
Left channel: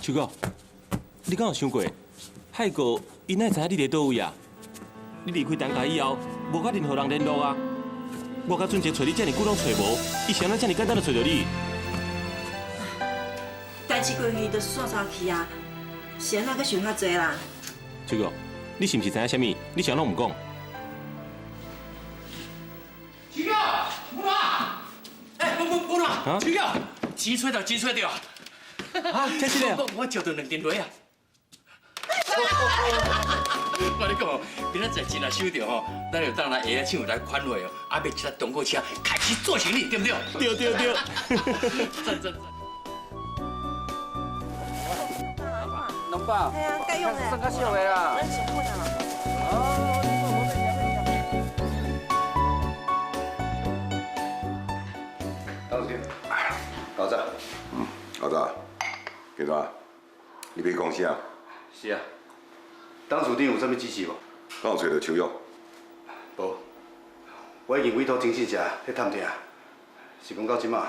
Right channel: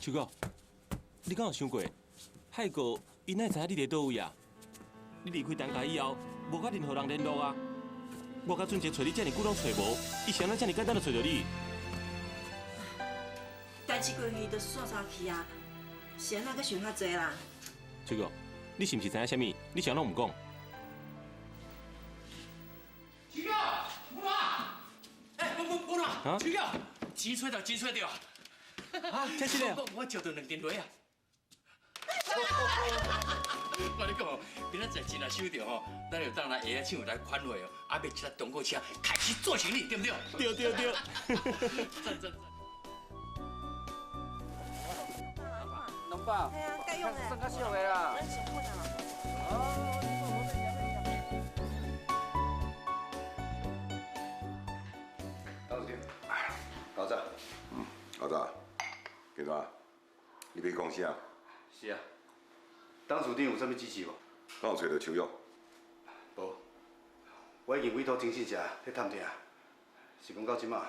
秋哥，你敢有想过，海哥伊哪会知影你伫倒位啊？你离开陈家以后，无甲任何人联络啊？我甲俊杰找你遮尔久拢找无，伊谁人遮尔简单就找到你？代志过去就煞煞去啊，是安怎阁想较济啦？秋哥，你是毋是知影啥物？你啥拢毋讲？秋哥，母啊！哎，母啊！秋哥，钱找到，钱找到！啊，真是的！我招到2斤螺啊！我跟你讲，今仔载钱若收到吼，咱就当来下厂来款货哦，啊，买一台中国车开始做生意，对不对？对。赞。农爸，哎呀，该用的。算较俗的啦。咱先过啦。当时，老早，老大，警察，你别讲啥？是啊，当处顶有啥物指示无？咱有找到秋玉，无，我已经委托征信社去探听，是讲到即马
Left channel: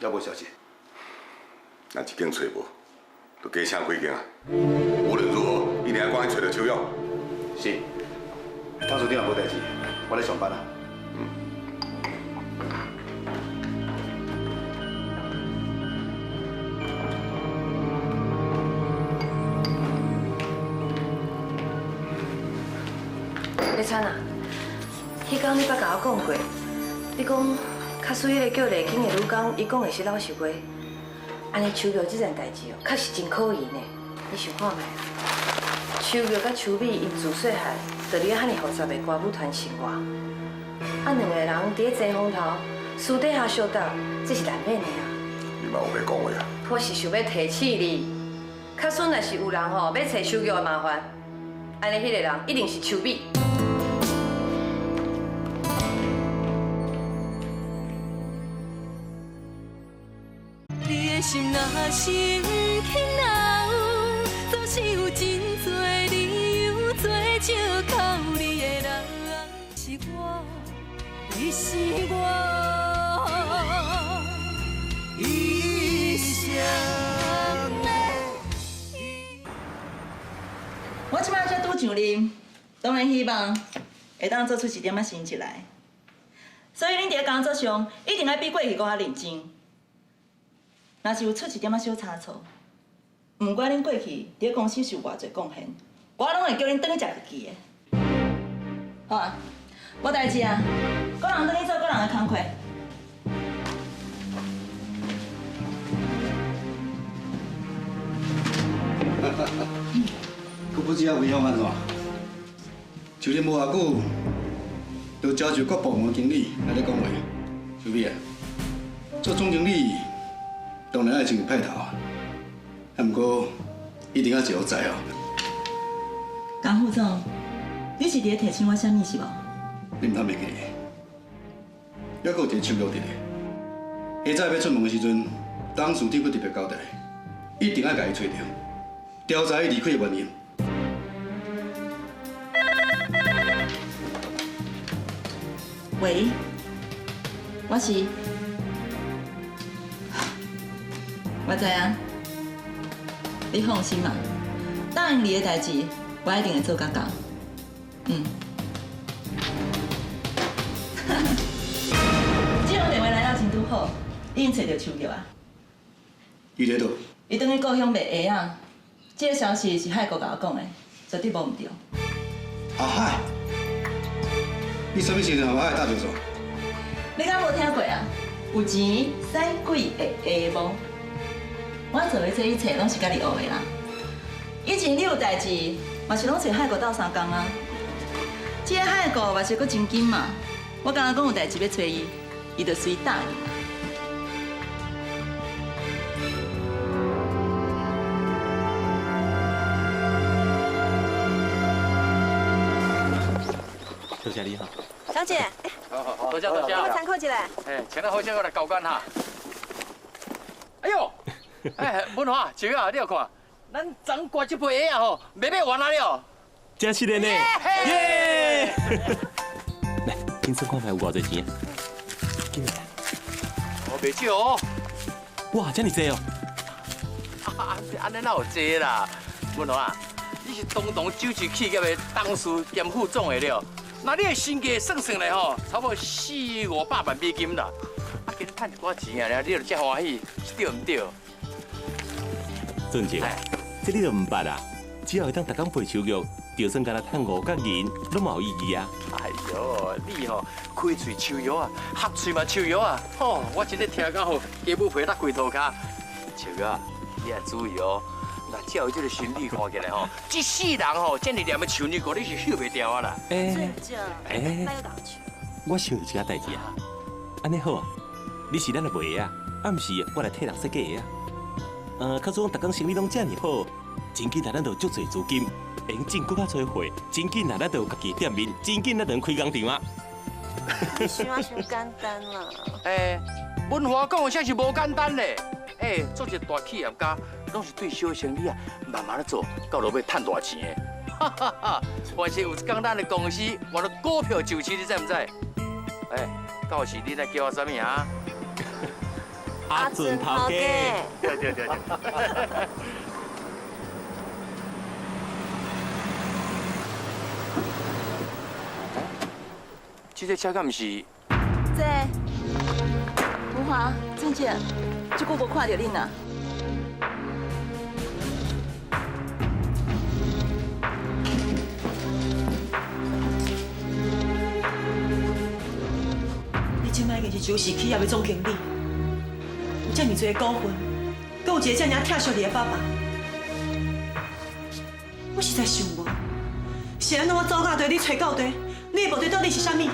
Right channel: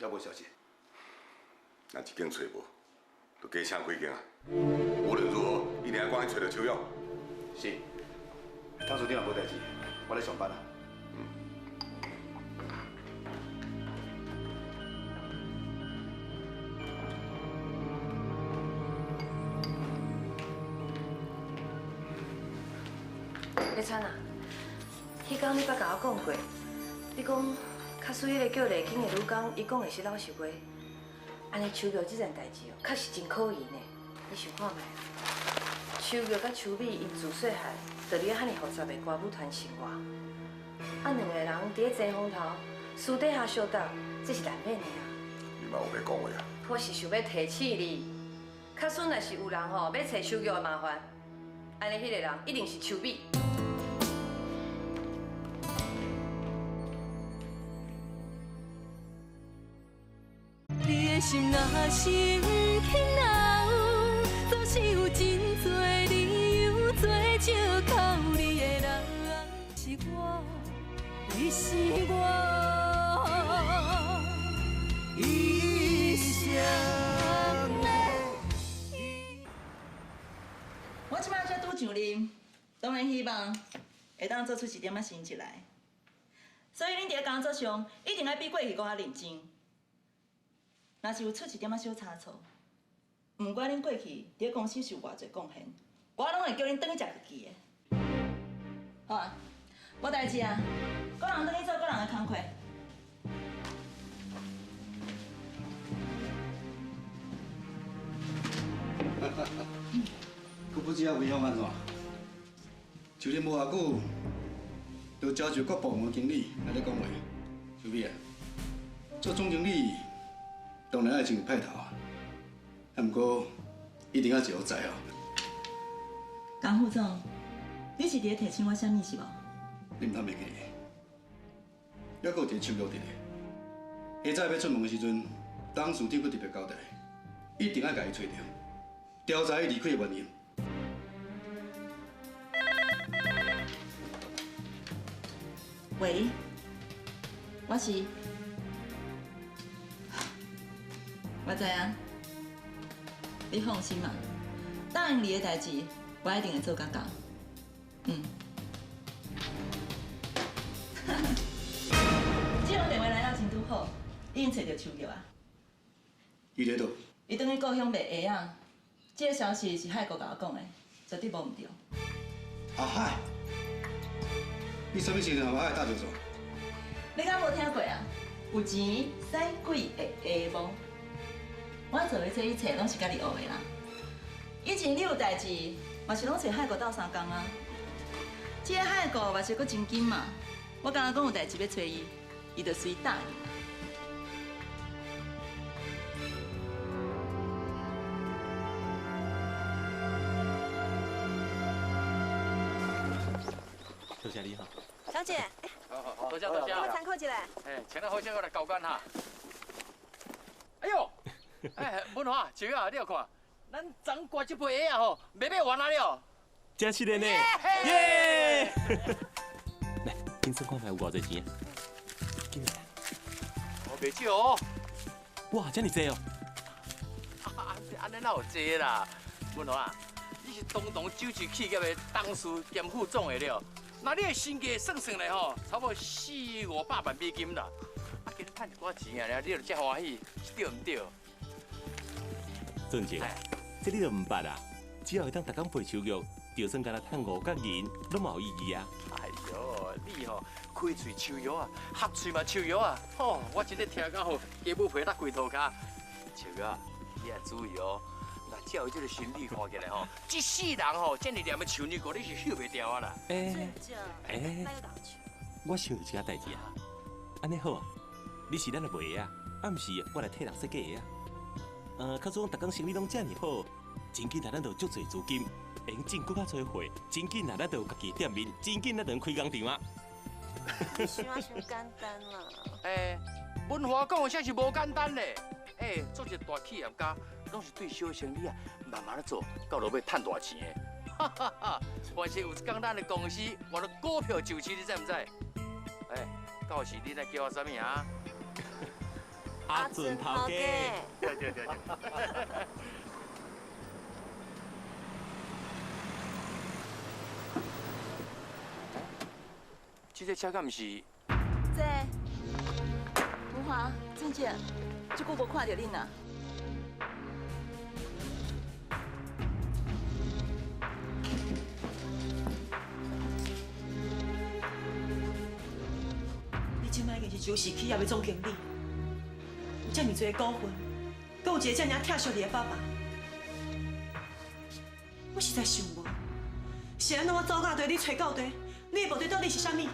还无消息。咱一间找无，就加请几间啊。无论如何，一定要赶紧找到秋玉。是，当处顶也无代志，我咧上班啊。李灿啊，迄天你捌甲我讲过，你讲较水迄个叫丽卿的女工，伊讲的是老实话。安尼秋玉这件代志哦，确实真可疑呢。你想看觅啦？秋玉甲秋美因自细汉就伫遐遐尼复杂的歌舞团生活，啊两个人伫咧遮风头私底下相斗，这是难免的啊。你嘛有要讲话啊？我是想要提醒你，较孙若是有人吼要找秋玉的麻烦，安尼迄个人一定是秋美。你的心若是起闹，总是有真多理由做借口。你的人是我，你是我，一生的。我即摆才拄上任，当然希望会当做出一点仔成绩来。所以恁伫工作上一定要比过去搁较认真。若是有出一点仔小差错，毋管恁过去伫公司是有偌济贡献，我拢会叫恁转去食日记的。好啊，无代志啊，个人转去做个人的工课。佮不知影为向安怎？就连无偌久，就招一各部门经理来咧讲话。小美啊，做总经理当然爱真有派头啊，啊，不过一定要一好在哦。江副总，你是伫咧提醒我啥物是无？你唔通袂记咧？还佫有一个手续伫咧。下早要出门的时阵，当事长佫特别交代，一定要甲伊找着，调查伊离开的原因。喂，我是，我知影，你放心嘛，答应你的代志，我一定会做到到。这通电话来了真拄好，已经找到手脚啊。伊在倒？伊等于故乡卖鞋啊。这个消息是海哥甲我讲的，绝对无唔对。阿海，你什么时阵和阿海打招呼？你敢无听过啊？有钱使鬼会下无？我做的这一切拢是甲你学的啦。以前你有代志，嘛是拢找海哥斗相共啊。这个海哥嘛是阁真紧嘛，我刚刚讲有代志要找伊，伊就随答应。多谢你哈。小姐，好，多谢多谢。我参考一下。请咱好先我来交关哈。哎呦，文华，姐啊，你有看，咱昨刮这杯鞋啊吼，卖完啊了。真是的呢。耶！来，你算看卖有偌济钱啊？我袂少哦。哇，这么多哦！安尼哪有济啦？文华，你是东东酒市企业的董事兼副总的了。那你的身价算来吼，差不多400-500万美金啦。啊，今日赚一寡钱啊，你就这欢喜，对唔对？俊杰，这你就唔捌啦。只要会当逐工背手玉，就算干那赚5角银，都冇意义啊。哎呦，你吼开嘴抽药啊，合嘴嘛抽药啊。哦，我真係听到吼，家母陪得跪涂骹。抽药，你要注意哦。那照伊这个身体看起来吼，一世人吼，这么念的处女座，你是休袂掉啊啦。我想有一件代志啊。安尼好啊，你是咱的卖啊，暗时我来替人设计啊。较总逐工生意拢这么好，真紧咱就足侪资金，会用进更较多货，真紧咱就有家己店面，真紧咱就开工厂啊。你想啊，伤简单啦。文华讲的啥是无简单嘞。做一个大企业家，拢是对小生意啊，慢慢的做，到落尾赚大钱的。哈哈哈！而且有一天咱的公司换了股票就市，你知唔知？到时你来叫我啥物啊？阿俊头家。对。这个车敢唔是？这，文华、俊杰，这久无看到恁啊。你即摆已经是酒市企业的总经理，有这么多股份，搁有一个这么疼惜你的爸爸，我实在想无，是安怎我走到地，你找到地，你的目的到底是啥物？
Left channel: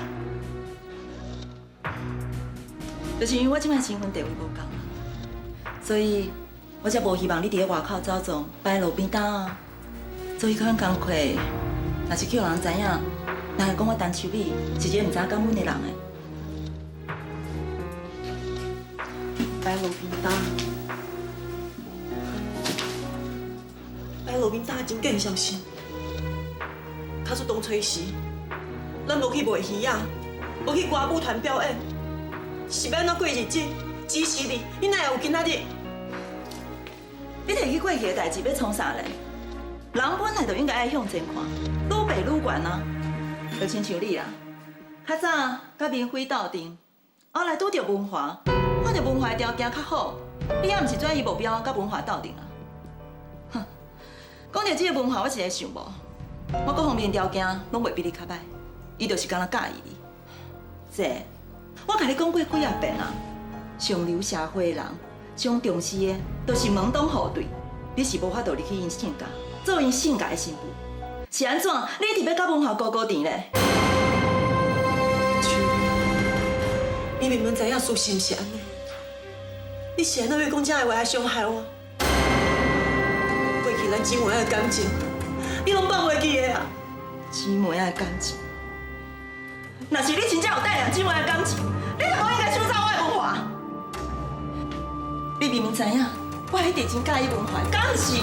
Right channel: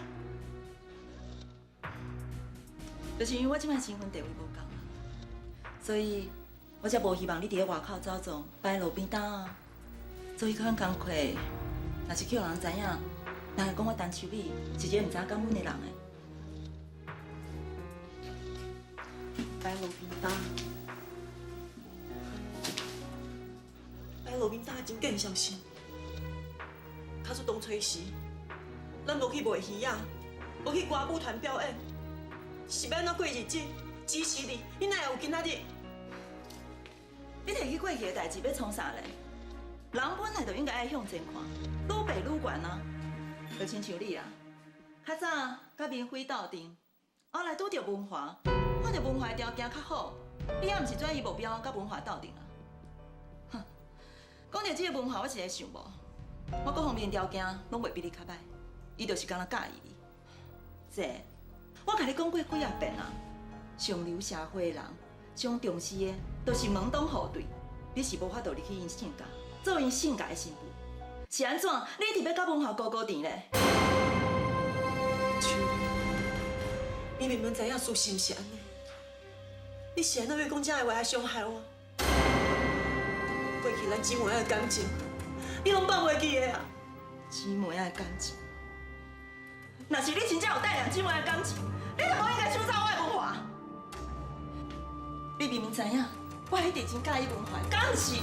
就是因为我即摆身份地位无够，所以我才无希望你伫咧外口走总，摆路边摊啊，做迄款工课，若是叫人知影，人会讲我陈秋米是一个唔知感恩的人诶。摆路边摊，摆路边摊真更小心。卡出当初时，咱无去卖鱼啊，无去歌舞团表演。是要安怎过日子？支持你，你哪会有今仔日？你提起过去的代志要创啥嘞？人本来就应该爱向前看，愈爬愈悬啊！就亲像你啦，较早甲明辉斗阵，后来拄着文华，看到文华的条件较好，你也毋是转移目标甲文华斗阵啊！哼，讲到这个文华，我一直想无，我各方面条件拢袂比你较歹，伊就是敢若介意你。这。我甲你讲过几啊遍啊，上流社会的人上重视的，就是门当户对。你是无法度入去因性格，做因性格的媳妇，是安怎？你一直要甲文华高甜咧？秋，你明明知影事实是安尼，你是安怎要讲这个话来伤害我？过去咱姊妹的感情，你拢放袂记的啊？姊妹的感情。若是你真正有带两姊妹的感情，你就无应该抢走我的文华。你明明知影，我一直真介意文华，敢毋是？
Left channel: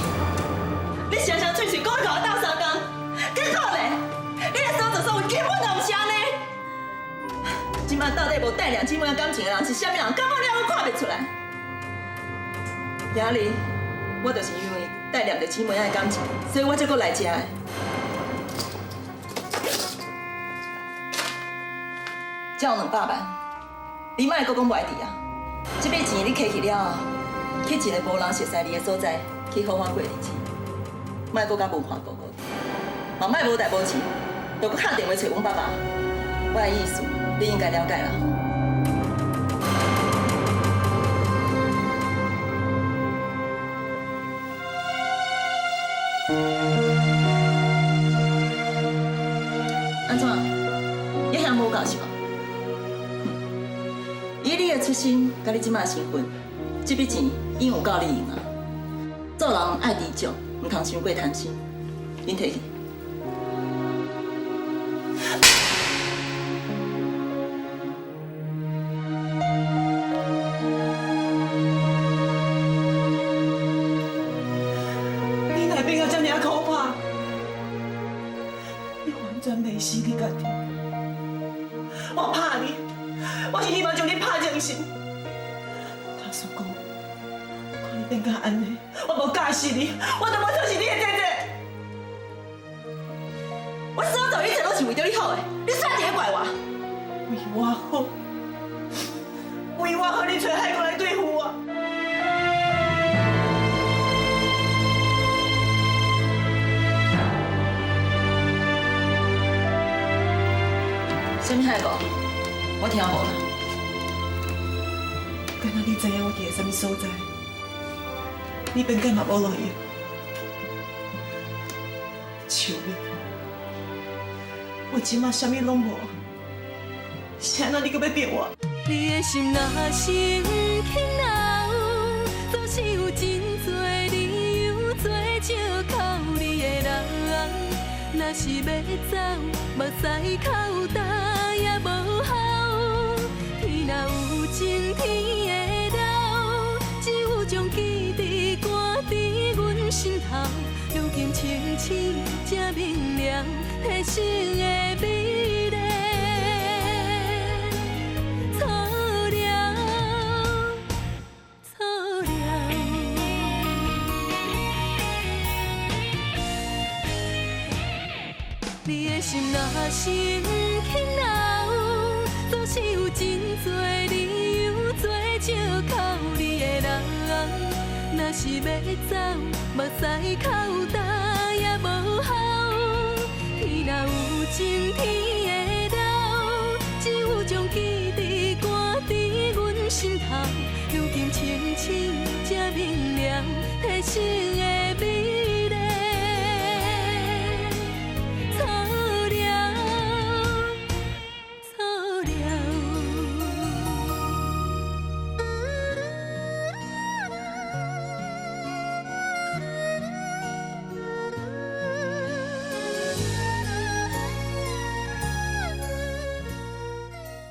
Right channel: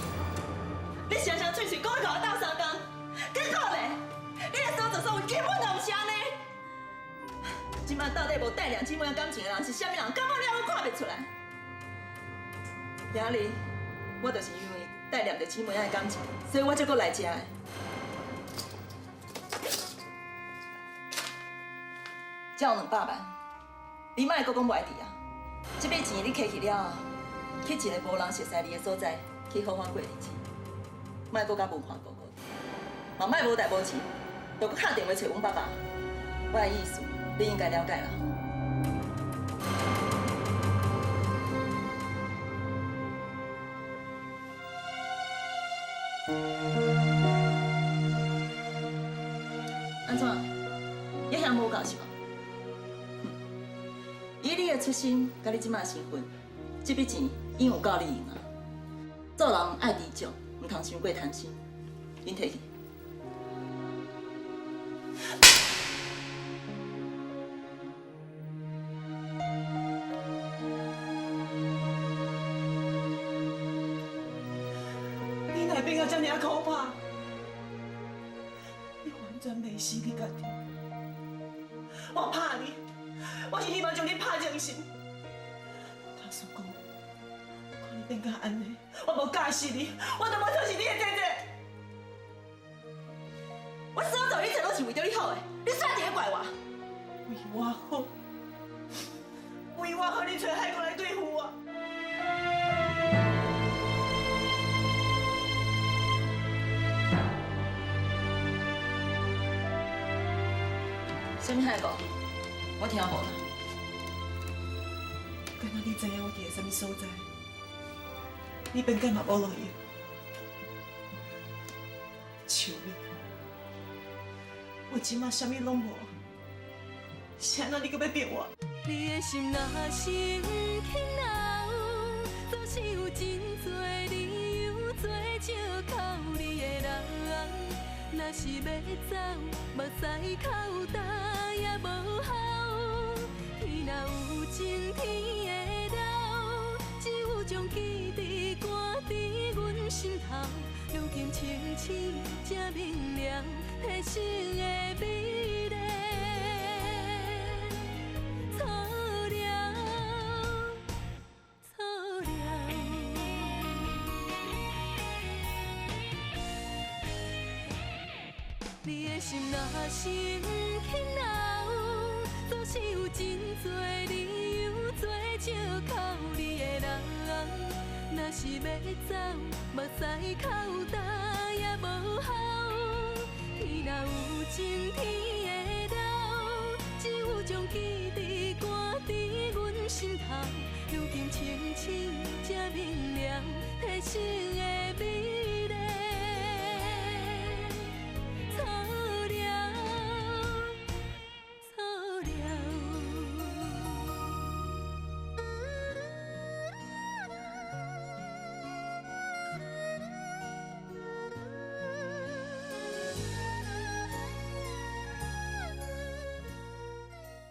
你常常嘴嘴讲要甲我斗相共，结果咧，你的所作所为根本就毋是安尼。今晚到底无带两姊妹的感情的人是啥物人？根本了我看袂出来。今日我就是因为带念着姊妹仔的感情，所以我才搁来遮的。才有200万，你莫搁讲袂伫啊！这笔钱你摕去了后，去一个无人熟悉你的所在，去好好过日子，莫搁甲文化高高低，嘛莫无代无志，又搁敲电话找阮爸爸。我的意思，你应该了解啦。安怎？你还无够是吗？以你的出身，甲你即摆身份，这笔钱已经有够你用啊！做人爱知足，唔通伤过贪心。恁摕去。你哪变到这么可怕？你完全袂死你家己。我怕你，我是希望将你拍精神。他叔公，看你变甲安尼，我无嫁死你，我都要做是你的姐姐。我所做一切都是为着你好的，你啥一个怪我？为我好，为我好，你找海哥来对付我。什么海哥？我听无啦。敢若你知影我伫个什么所在？你变干嘛无落去？求你，我即马啥物拢无，是安怎你搁要逼我？你的心若是不肯留，总是有真多理由做借靠你的人。若是要走，目屎口干也无效。天若有情，天会了，只有将记忆赶伫阮心头。如今清醒才明了，提醒的美丽。错了，错了。你的心若是不肯留，总是有真多理由做借靠你的人。若是要走，目屎口干也无效。天若有情，天会了，只有将记忆赶伫阮心头。如今清醒才明了，提醒的。